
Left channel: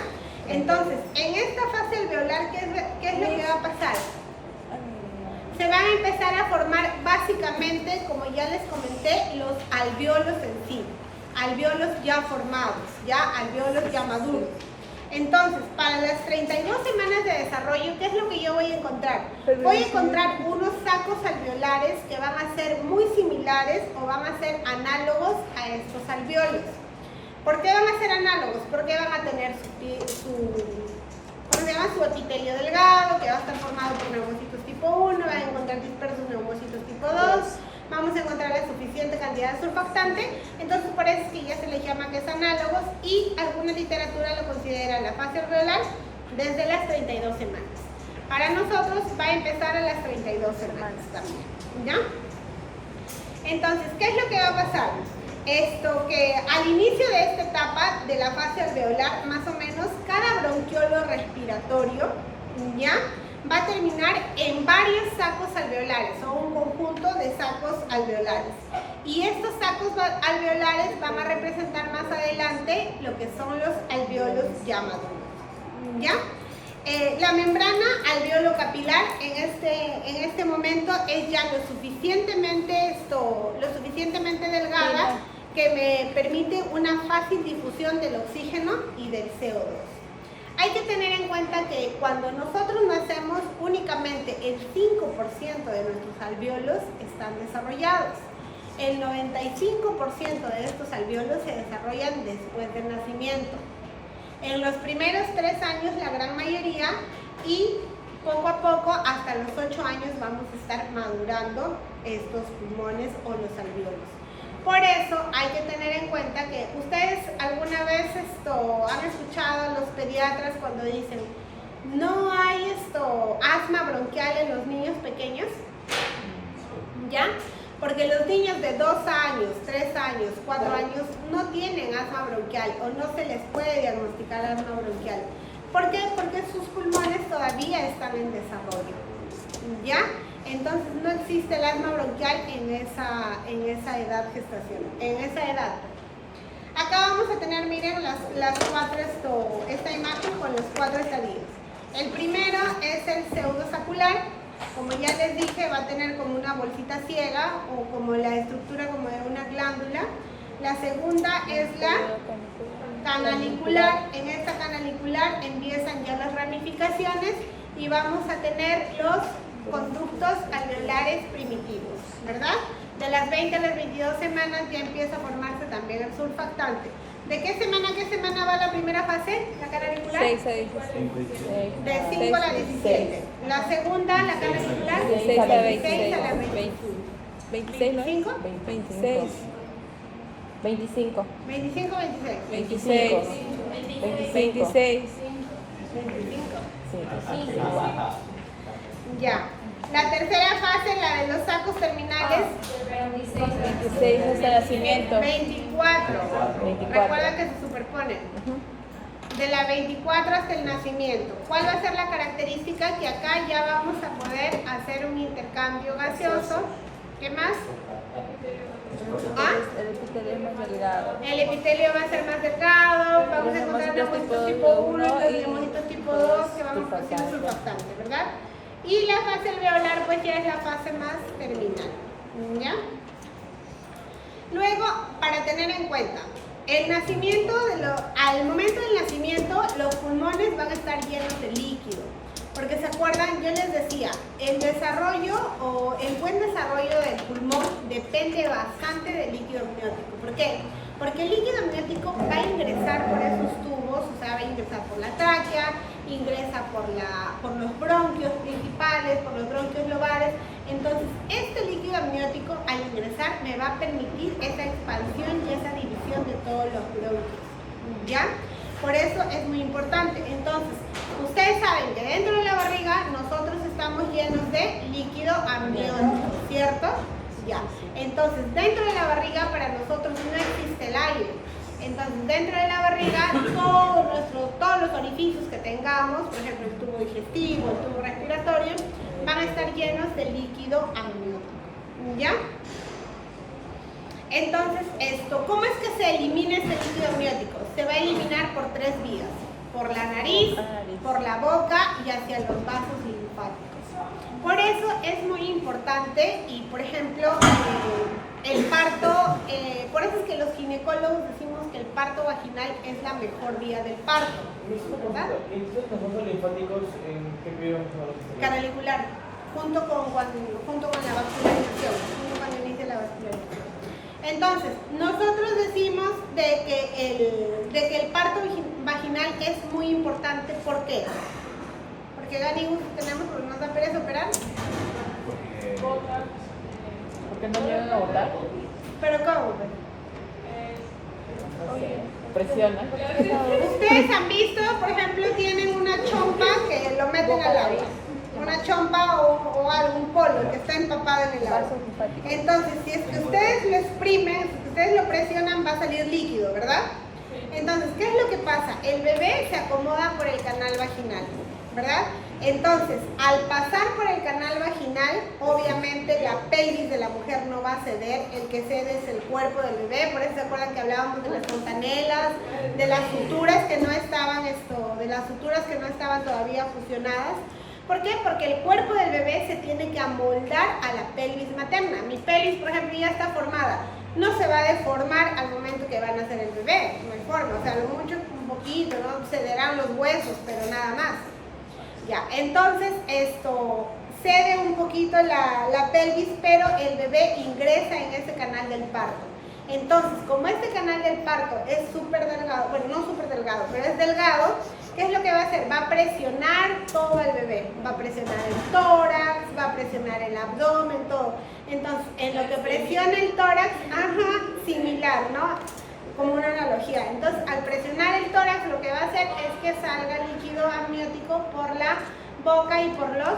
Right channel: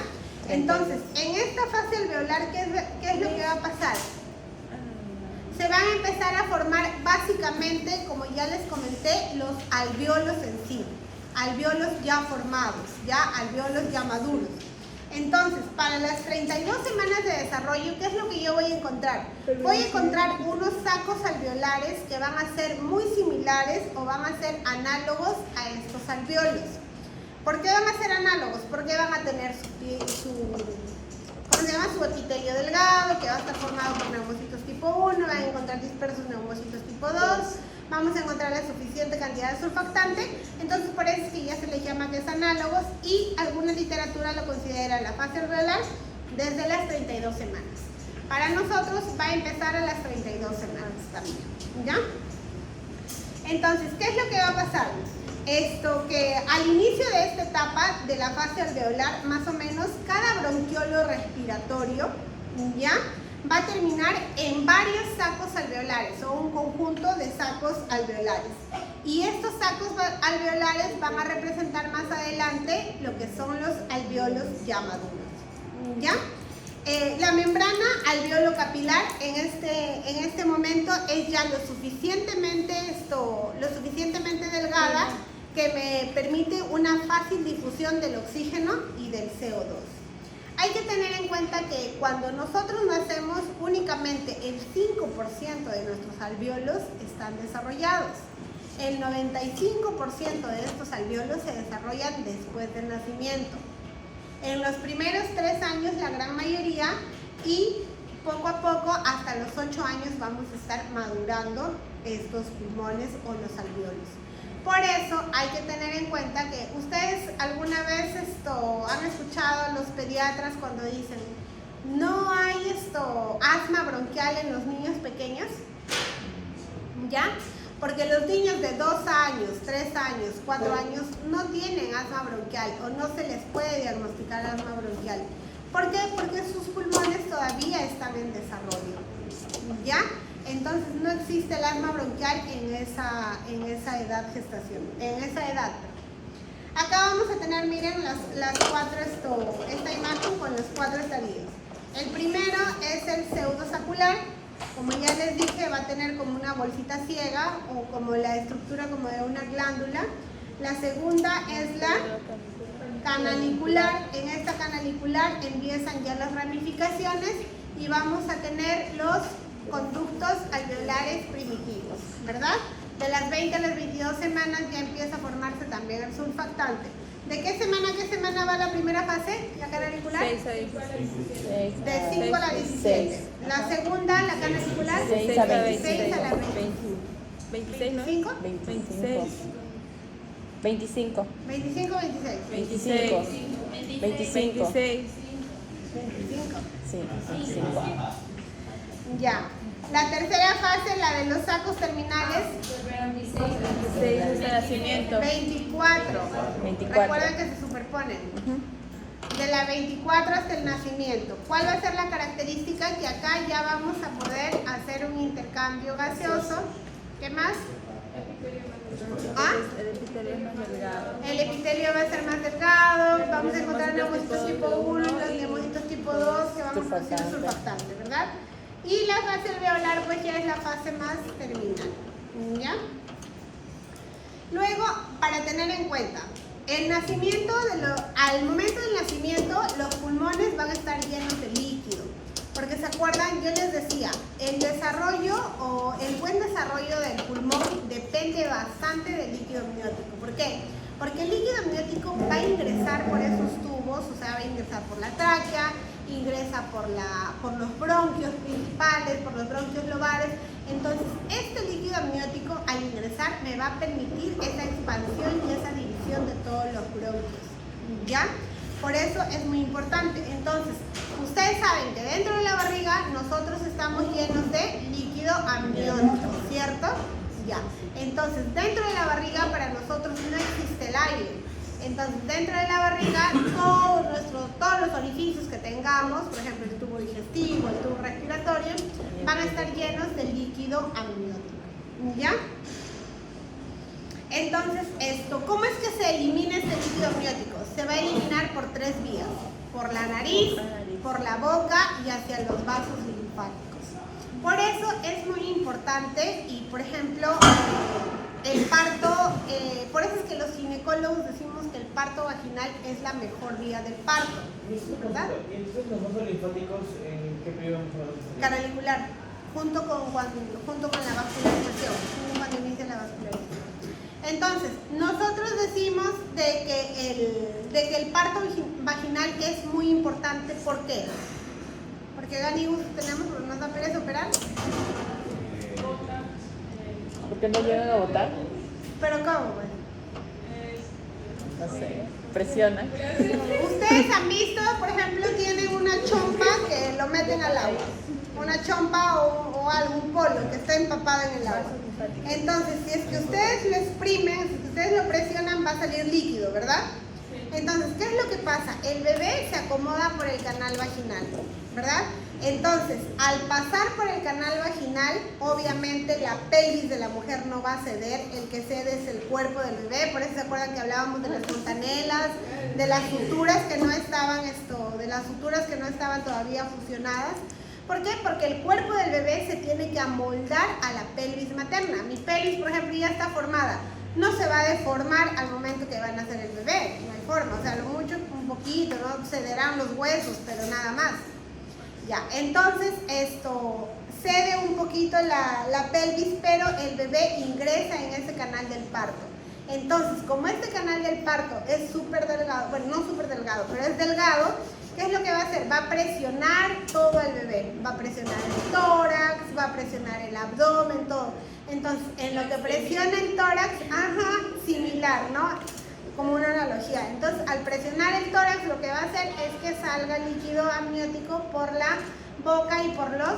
Entonces, en esta fase alveolar, ¿qué es lo que va a pasar? Se van a empezar a formar básicamente, como ya les comenté, los alvéolos en sí. Alvéolos ya formados, ya alvéolos ya maduros. Entonces, para las 32 semanas de desarrollo, ¿qué es lo que yo voy a encontrar? Voy a encontrar unos sacos alveolares que van a ser muy similares o van a ser análogos a estos alvéolos. ¿Por qué van a ser análogos? Porque van a tener su epitelio delgado, que va a estar formado por neumocitos tipo 1, van a encontrar dispersos neumocitos tipo 2, vamos a encontrar la suficiente cantidad de surfactante, entonces por eso es que ya se les llama que es análogos y alguna literatura lo considera la fase alveolar desde las 32 semanas. Para nosotros va a empezar a las 32 semanas también, ¿ya? Entonces, ¿qué es lo que va a pasar? Que al inicio de esta etapa de la fase alveolar, más o menos, cada bronquiolo respiratorio, ¿ya?, va a terminar en varios sacos alveolares o un conjunto de sacos alveolares. Y estos sacos alveolares van a representar más adelante lo que son los alveolos ya maduros. ¿Ya? La membrana alveolo-capilar en este momento es ya lo suficientemente delgada que me permite una fácil difusión del oxígeno y del CO2. Hay que tener en cuenta que cuando nosotros nacemos, únicamente el 5% de nuestros alveolos están desarrollados. El 95% de estos alveolos se desarrollan después del nacimiento. En los primeros 3 años, la gran mayoría, y poco a poco, hasta los 8 años, vamos a estar madurando estos pulmones o los alveolos. Por eso hay que tener en cuenta que ustedes alguna vez han escuchado a los pediatras cuando dicen no hay asma bronquial en los niños pequeños, ¿ya? Porque los niños de 2 años, 3 años, 4 años no tienen asma bronquial o no se les puede diagnosticar asma bronquial. ¿Por qué? Porque sus pulmones todavía están en desarrollo, ¿ya? Entonces no existe el asma bronquial en esa edad gestacional, en esa edad. Acá vamos a tener, miren, esta imagen con los 4 estadios. El primero es el pseudosacular. Como ya les dije, va a tener como una bolsita ciega o como la estructura como de una glándula. La segunda es la canalicular. En esta canalicular empiezan ya las ramificaciones y vamos a tener los conductos alveolares primitivos, ¿verdad? De las 20 a las 22 semanas ya empieza a formarse también el surfactante. ¿De qué semana a qué semana va la primera fase, la canalicular? 6 a 16. De 5 a la 17. La segunda, la canalicular, 6 a la 26 a la 26, ¿no? 25. 26. 25. 25 o 26. 26. 26. Sí. Ya. La tercera fase, la de los sacos terminales, 26 hasta el nacimiento. 24. Recuerda que se superponen. De la 24 hasta el nacimiento. ¿Cuál va a ser la característica? Que acá ya vamos a poder hacer un intercambio gaseoso. ¿Qué más? ¿Ah? El epitelio va a ser más delgado, vamos a encontrar neumocitos tipo 1, los neumocitos tipo 2 que vamos a producir surfactante, ¿verdad? Y la fase alveolar pues ya es la fase más terminal, ¿ya? Luego, para tener en cuenta, el nacimiento, al momento del nacimiento, los pulmones van a estar llenos de líquido. Porque se acuerdan, yo les decía, el desarrollo o el buen desarrollo del pulmón depende bastante del líquido amniótico. ¿Por qué? Porque el líquido amniótico va a ingresar por esos tubos, o sea, va a ingresar por la tráquea, ingresa por los bronquios principales, por los bronquios lobales. Entonces, este líquido amniótico al ingresar me va a permitir esa expansión y esa división de todos los bronquios, ¿ya? Por eso es muy importante. Entonces, ustedes saben que dentro de la barriga nosotros estamos llenos de líquido amniótico, ¿cierto? Ya. Entonces, dentro de la barriga para nosotros no existe el aire. Entonces, dentro de la barriga, todos los orificios que tengamos, por ejemplo, el tubo digestivo, el tubo respiratorio, van a estar llenos de líquido amniótico, ¿ya? Entonces, ¿cómo es que se elimina este líquido amniótico? Se va a eliminar por 3 vías, por la nariz, por la boca y hacia los vasos linfáticos. Por eso es muy importante y, por ejemplo, el parto, por eso es que los ginecólogos decimos que el parto vaginal es la mejor vía del parto, ¿verdad? ¿Y estos vasos linfáticos en qué periodo? Canalicular, junto con la vascularización, junto cuando inicia la vascularización. Entonces, nosotros decimos de que el parto vaginal es muy importante. ¿Por qué? Porque Gani tenemos, pero nos da pereza operar. ¿Por qué no llegan a botar? ¿Pero cómo? Pues? Presiona. Ustedes han visto, por ejemplo, tienen una chompa que lo meten al agua. Una chompa o algún polo que está empapado en el agua. Entonces, si es que ustedes lo exprimen, si ustedes lo presionan, va a salir líquido, ¿verdad? Entonces, ¿qué es lo que pasa? El bebé se acomoda por el canal vaginal, ¿verdad? Entonces, al pasar por el canal vaginal, obviamente la pelvis de la mujer no va a ceder, el que cede es el cuerpo del bebé. Por eso se acuerdan que hablábamos de las fontanelas, de las suturas que no estaban todavía fusionadas. ¿Por qué? Porque el cuerpo del bebé se tiene que amoldar a la pelvis materna. Mi pelvis, por ejemplo, ya está formada. No se va a deformar al momento que van a hacer el bebé, no hay forma. O sea, lo mucho un poquito, ¿no? Cederán los huesos, pero nada más. Ya, entonces esto cede un poquito la pelvis, pero el bebé ingresa en ese canal del parto. Entonces, como este canal del parto es súper delgado, bueno, no súper delgado, pero es delgado, ¿qué es lo que va a hacer? Va a presionar todo el bebé, va a presionar el tórax, va a presionar el abdomen, todo. Entonces, en lo que presiona el tórax, similar, ¿no? Como una analogía. Entonces, al presionar el tórax, lo que va a hacer es que salga líquido amniótico por la boca y por los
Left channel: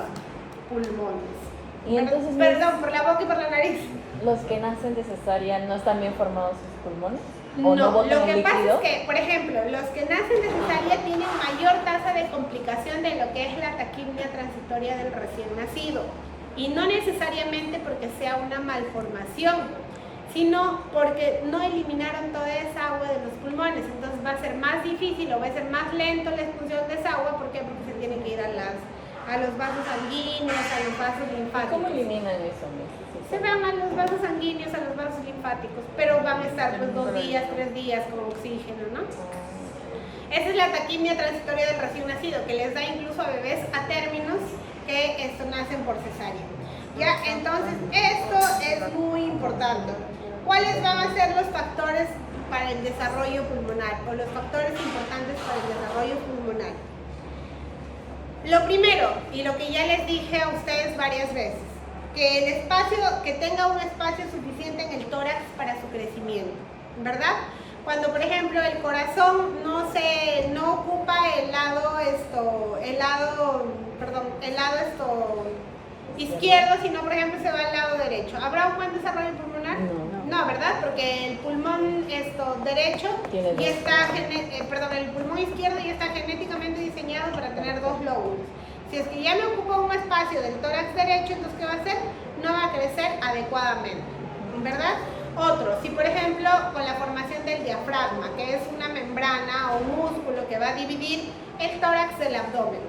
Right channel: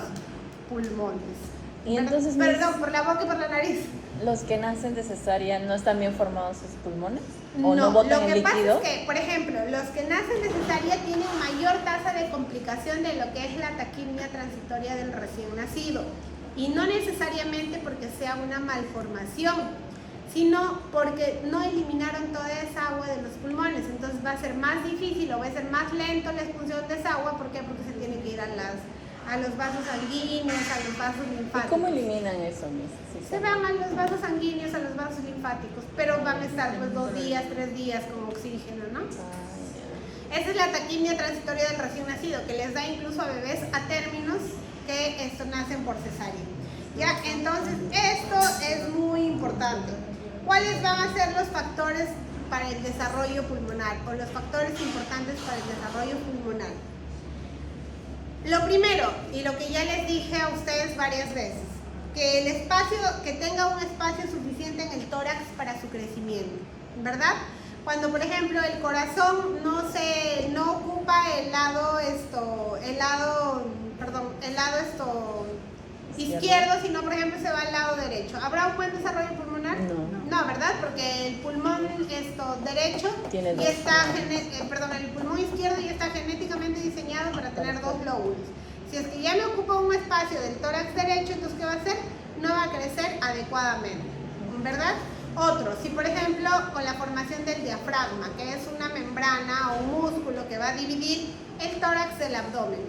pulmones. Y entonces, por la boca y por la nariz. ¿Los que nacen de cesárea no están bien formados sus pulmones? No, lo que pasa es que, por ejemplo, los que nacen de cesárea tienen mayor tasa de complicación de lo que es la taquimia transitoria del recién nacido. Y no necesariamente porque sea una malformación, sino porque no eliminaron toda esa agua de los pulmones. Entonces va a ser más difícil o va a ser más lento la expulsión de esa agua. ¿Por qué? Porque se tiene que ir a los vasos sanguíneos, a los vasos linfáticos. ¿Cómo eliminan eso? Se van a los vasos sanguíneos, a los vasos linfáticos, pero van a estar pues 2 días, 3 días con oxígeno, ¿no? Esa es la taquimia transitoria del recién nacido, que les da incluso a bebés a términos que nacen por cesárea. Ya, entonces esto es muy importante. ¿Cuáles van a ser los factores para el desarrollo pulmonar o los factores importantes para el desarrollo pulmonar? Lo primero, y lo que ya les dije a ustedes varias veces, que tenga un espacio suficiente en el tórax para su crecimiento, ¿verdad? Cuando, por ejemplo, el corazón no ocupa el lado izquierdo, sino, por ejemplo, se va al lado derecho. ¿Habrá un buen desarrollo pulmonar? No, ¿verdad? Porque el pulmón derecho ya está, el pulmón izquierdo ya está genéticamente diseñado para tener 2 lóbulos. Si es que ya no ocupa un espacio del tórax derecho, entonces ¿qué va a hacer? No va a crecer adecuadamente, ¿verdad? Otro, si por ejemplo con la formación del diafragma, que es una membrana o un músculo que va a dividir el tórax del abdomen.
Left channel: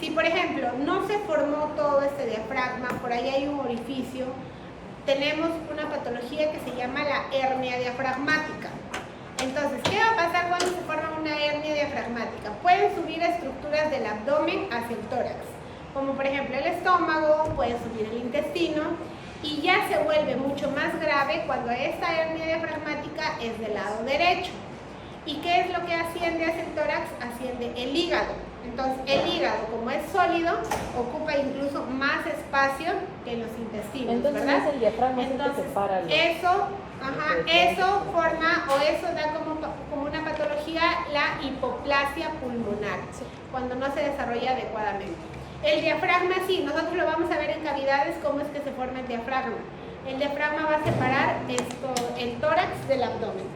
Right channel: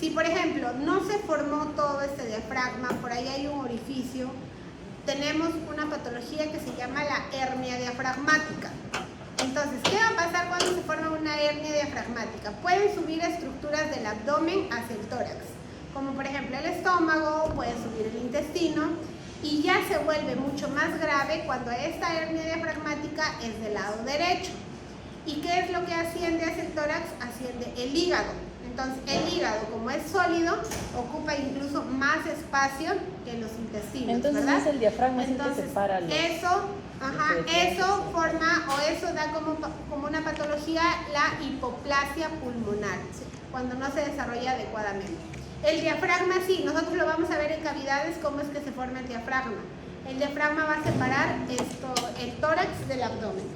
Si por ejemplo no se formó todo este diafragma, por ahí hay un orificio, tenemos una patología que se llama la hernia diafragmática. Entonces, ¿qué va a pasar cuando se forma una hernia diafragmática? Pueden subir estructuras del abdomen hacia el tórax, como por ejemplo el estómago, puede subir el intestino, y ya se vuelve mucho más grave cuando esta hernia diafragmática es del lado derecho. ¿Y qué es lo que asciende hacia el tórax? Asciende el hígado. Entonces, el hígado, como es sólido, ocupa incluso más espacio que los intestinos. Entonces, ¿verdad? es el diafragma. Entonces, que separa los... eso forma o eso da como una patología la hipoplasia pulmonar, cuando no se desarrolla adecuadamente. El diafragma sí, nosotros lo vamos a ver en cavidades, cómo es que se forma el diafragma. El diafragma va a separar el tórax del abdomen.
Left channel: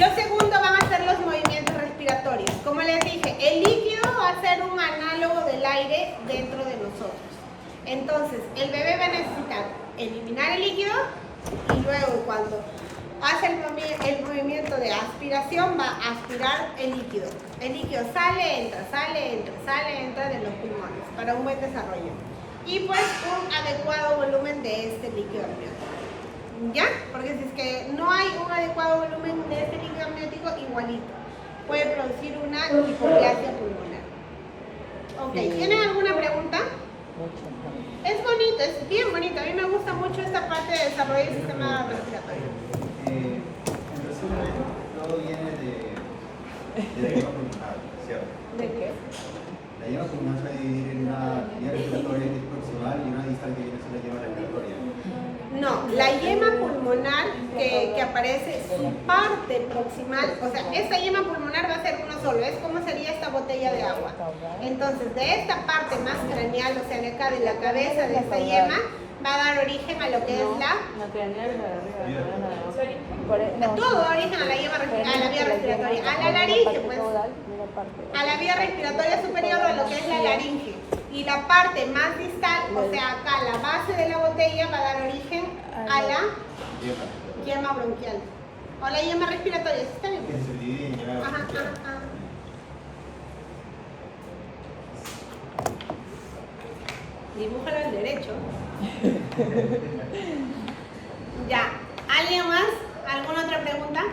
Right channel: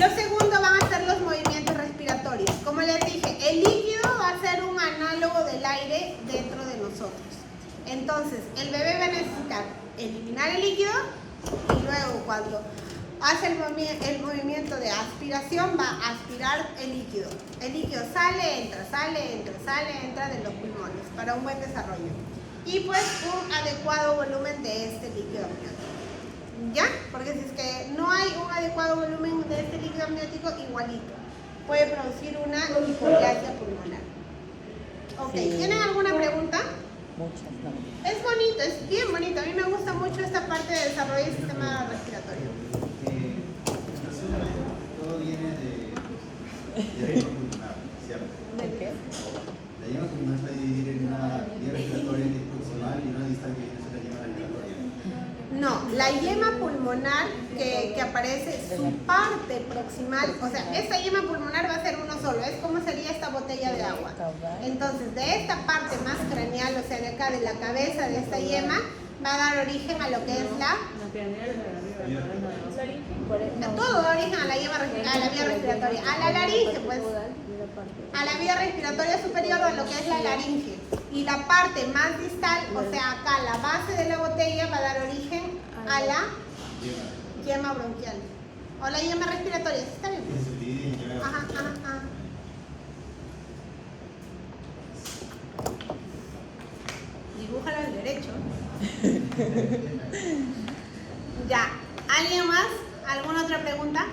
Lo segundo van a ser los movimientos respiratorios. Como les dije, el líquido va a ser un análogo del aire dentro de nosotros. Entonces, el bebé va a necesitar eliminar el líquido y luego cuando hace el movimiento de aspiración va a aspirar el líquido. El líquido sale, entra de los pulmones para un buen desarrollo. Y pues un adecuado volumen de este líquido amniótico. ¿Ya? Porque si es que no hay un adecuado volumen de este líquido amniótico, igualito puede producir una hipoplasia pulmonar. Ok, Sí. ¿Tienen alguna pregunta? Es bonito, es bien bonito. A mí me gusta mucho esta parte de desarrollo del sistema respiratorio. En resumen, todo viene de la yema pulmonar, ¿cierto? ¿De qué? La yema pulmonar se va a dividir en una vía respiratoria que es proximal y una distal que viene a ser la yema respiratoria. No, la yema pulmonar que aparece, su parte proximal, o sea, esta yema pulmonar va a ser uno solo, es como sería esta botella de agua. Entonces, de esta parte más craneal, o sea, de acá de la cabeza de esta yema, va a dar origen a lo que es todo da origen a la vía respiratoria, a la laringe, pues. a la vía respiratoria superior o a lo que es la laringe. Y la parte más distal, o sea, acá la base de la botella va a dar origen a la yema bronquial. O la yema respiratoria, ¿sí está bien? Ajá. Dibújalo al derecho. Ya. ¿Alguien más? ¿Alguna otra pregunta?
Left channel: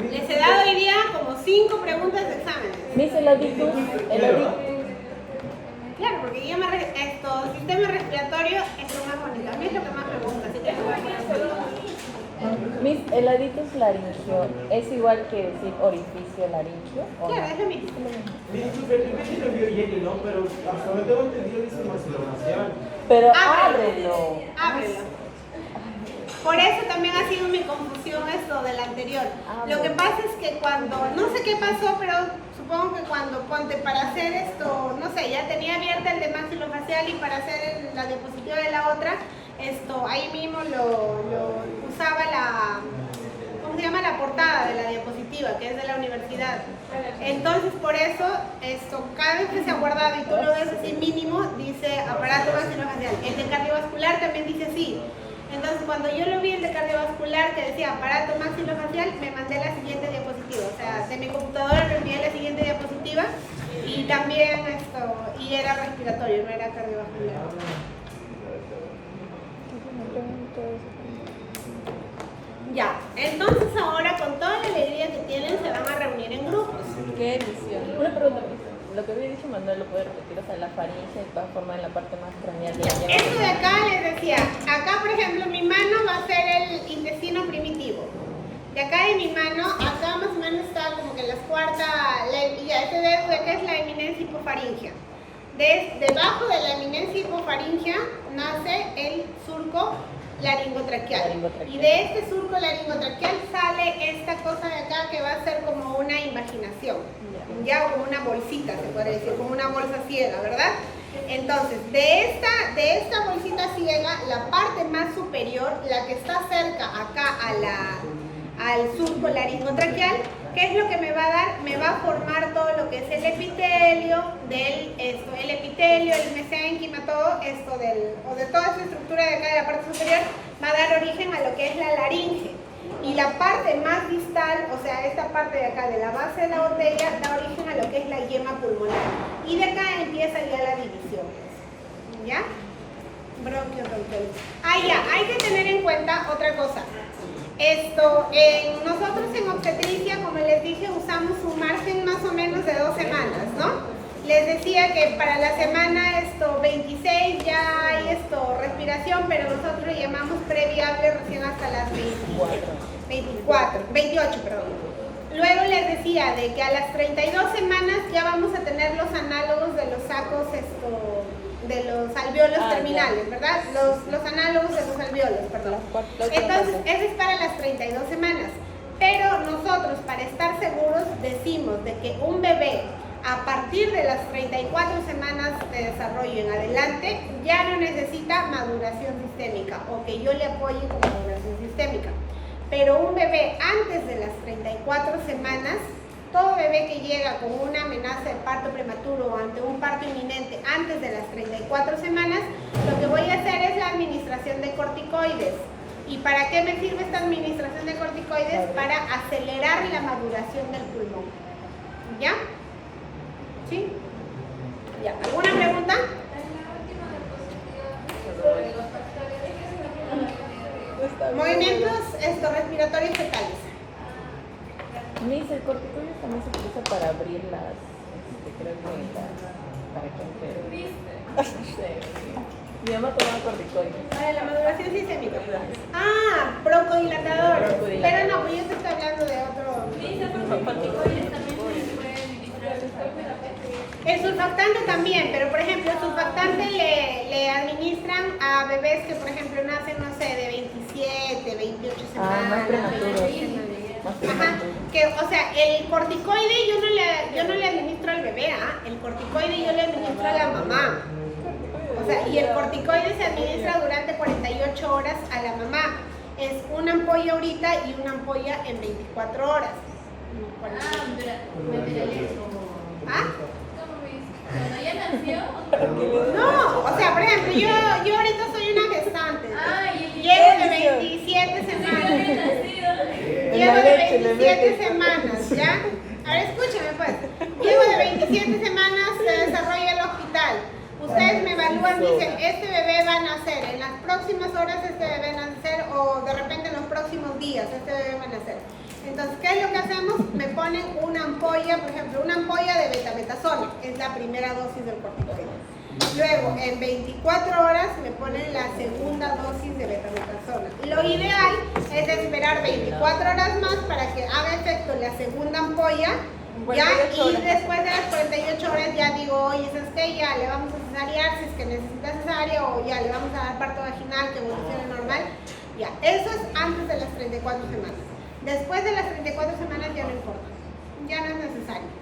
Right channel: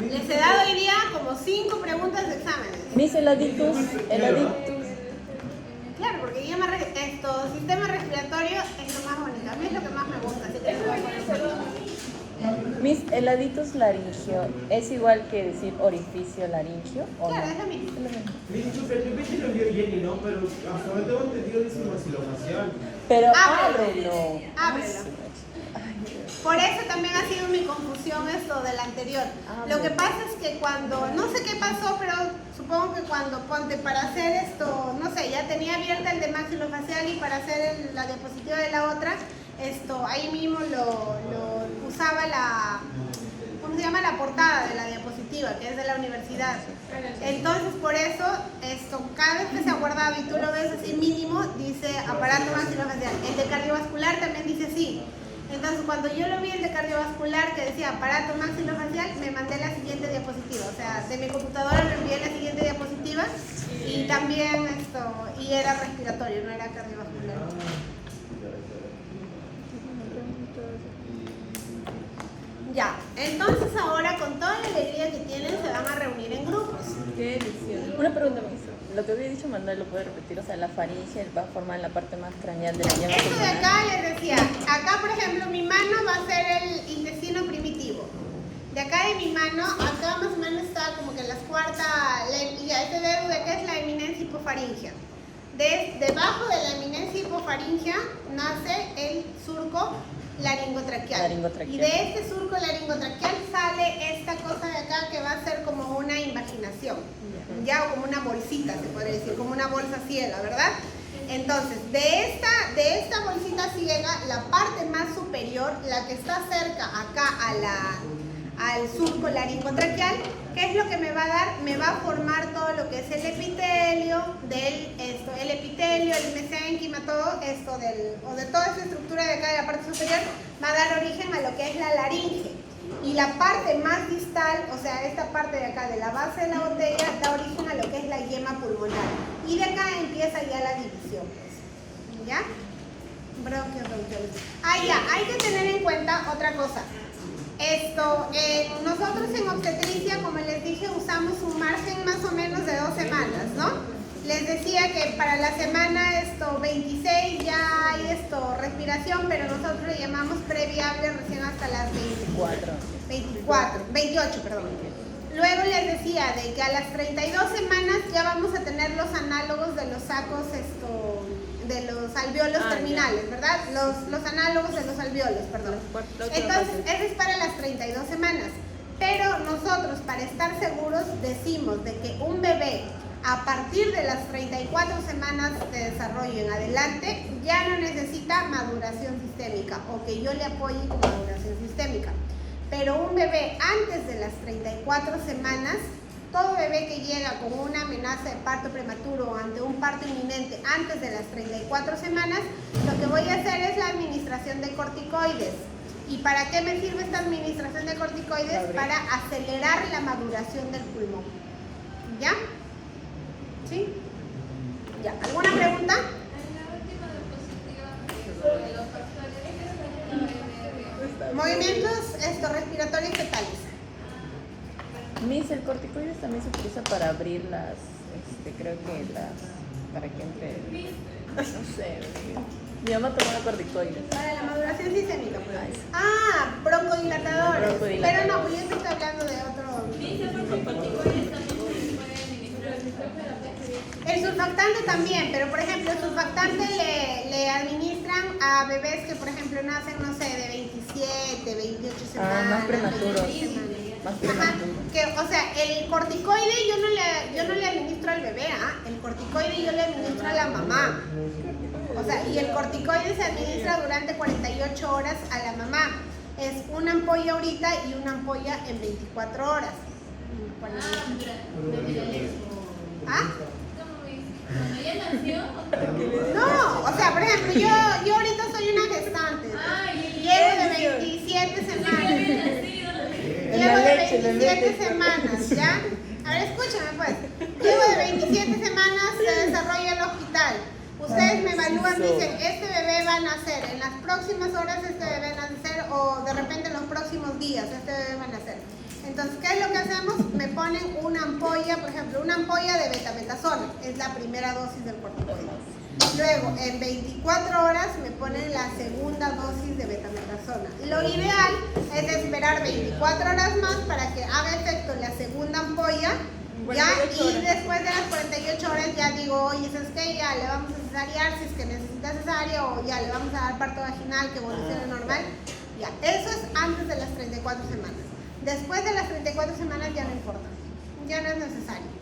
Les he dado hoy día como 5 preguntas de exámenes. Miss, el adictus. Claro, porque sistema respiratorio es lo más bonito. A mí es lo que más me gusta, así que lo voy a poner así. Miss, el adictus laringio es igual que decir orificio laringio. ¿O no? Claro, es lo mismo. Yo lo vio Jenny, ¿no? Pero hasta donde tengo entendido dice maxilofacial. Pero Ábrelo. Por eso también ha sido mi confusión esto del anterior. Lo que pasa es que cuando, no sé qué pasó, pero supongo que cuando ponte para hacer esto, no sé, ya tenía abierta el de maxilofacial y para hacer la diapositiva de la otra, ahí mismo lo usaba ¿cómo se llama? La portada de la diapositiva, que es de la universidad. Entonces, por eso, cada vez que se ha guardado y tú lo ves así mínimo, dice aparato maxilofacial. El de cardiovascular también dice así. Entonces, cuando yo lo vi el de cardiovascular que decía aparato maxilofacial, me mandé la siguiente diapositiva. O sea, de mi computadora me envié la siguiente diapositiva y también y era respiratorio, no era cardiovascular. Ya, entonces ahora con toda la alegría que tienen se van a reunir en grupos. ¿Qué edición? Una pregunta, lo que había dicho Manuel lo puede repetir, o sea, la faringe va a formar la parte más craneal de la Ya, esto de acá les decía, acá por ejemplo mi mano va a ser el intestino primitivo. De acá de mi mano, acá más o menos está como que las cuartas, este dedo de acá es la eminencia hipofaringea. Debajo de la eminencia hipofaringea nace el surco laringotraqueal. Y de este surco laringotraqueal sale esta cosa de acá que va a ser como una invaginación, ya como una bolsita se podría decir, como una bolsa ciega, ¿verdad? Entonces, de esta bolsita ciega, la parte más superior, la que está cerca acá al surco laringotraqueal, ¿qué es lo que me va a dar? Me va a formar todo lo que es el epitelio, el epitelio, el mesénquima, todo esto o de toda esa estructura de acá de la parte superior, va a dar origen a lo que es la laringe. Y la parte más distal, o sea, esta parte de acá de la base de la botella, da origen a lo que es la yema pulmonar. Y de acá empieza ya la división. ¿Ya? Bronquiobronquiolitis. Ya, hay que tener en cuenta otra cosa. Nosotros en obstetricia, como les dije, usamos un margen más o menos de 2 semanas, ¿no? Les decía que para la semana 26 ya hay respiración, pero nosotros le llamamos previable recién hasta las 28, perdón. Luego les decía de que a las 32 semanas ya vamos a tener los análogos de los sacos, de los alvéolos terminales, ¿verdad? Los análogos de los alvéolos, perdón. Entonces, eso es para las 32 semanas. Pero nosotros, para estar seguros, decimos de que un bebé, a partir de las 34 semanas de desarrollo en adelante, ya no necesita maduración sistémica o que yo le apoye con maduración sistémica. Pero un bebé antes de las 34 semanas, todo bebé que llega con una amenaza de parto prematuro o ante un parto inminente antes de las 34 semanas, lo que voy a hacer es la administración de corticoides. ¿Y para qué me sirve esta administración de corticoides? Para acelerar la maduración del pulmón. ¿Ya? ¿Sí? ¿Ya? ¿Alguna pregunta? Movimientos respiratorios fetales. Miss, el corticoides también se utiliza para abrir para que mi mamá toma corticoides. Para la maduración sistémica. Broncodilatadores. Pero no, pues yo te estoy hablando de otro. El surfactante también, pero por ejemplo, el surfactante le administran a bebés que, por ejemplo, nacen, no sé, de 27, 28 semanas, 28 semanas. Ajá. O sea, el corticoide yo no le administro al bebé, el corticoide yo le administro a la mamá. O sea, y el corticoide se administra durante 48 horas a la mamá. Es una ampolla ahorita y una ampolla en 24 horas. ¿Ah? Cuando ella nació. No, o sea, por ejemplo, yo ahorita soy una gestante. Llevo de 27 semanas. Llevo de 27 semanas, ¿ya? A ver, escúchame pues. Llevo de 27 semanas de desarrollo del hospital. Ustedes me evalúan, dicen, este bebé va a nacer, en las próximas horas este bebé va a nacer, o de repente en los próximos días este bebé va a nacer. Entonces, ¿qué es lo que hacemos? Me ponen una ampolla, por ejemplo, una ampolla de betametasona, es la primera dosis del corticoide. Luego, en 24 horas me ponen la segunda dosis de betametasona. Lo ideal es esperar 24 horas más para que haga efecto la segunda ampolla, ¿ya? Y después de las 48 horas ya digo, oye, ¿sabes qué? Ya le vamos a cesariar si es que necesita cesárea, o ya le vamos a dar parto vaginal que evolucione normal. Ya, eso es antes de las 34 semanas. Después de las 34 semanas ya no importa, ya no es necesario.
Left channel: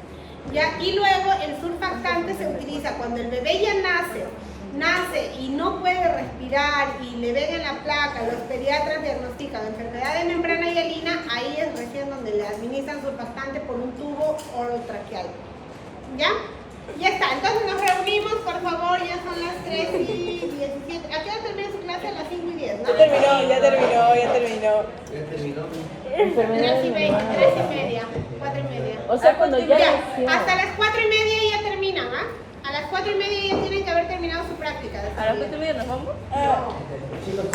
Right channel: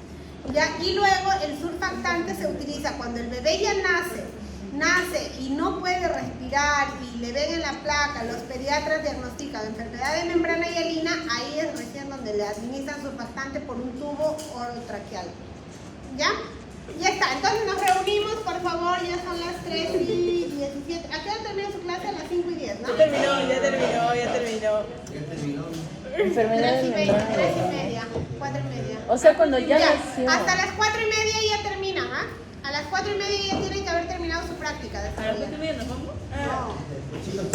¿Ya? Y luego el surfactante se utiliza cuando el bebé ya nace y no puede respirar y le ven en la placa, los pediatras diagnostican enfermedad de membrana hialina, ahí es recién donde le administran surfactante por un tubo orotraqueal. ¿Ya? Ya está, entonces nos reunimos, por favor, ya son las 3:17. ¿A qué hora termina su clase? A las 5:10, ¿no? Ya terminó. Ya terminó. 3:30, 4:30. O sea, cuando ya Ya, nació. hasta las 4:30 ya terminan, ¿ah? A las 4:30 ya tienen que haber terminado su práctica. ¿A las 4:30 nos vamos? No. Chicos,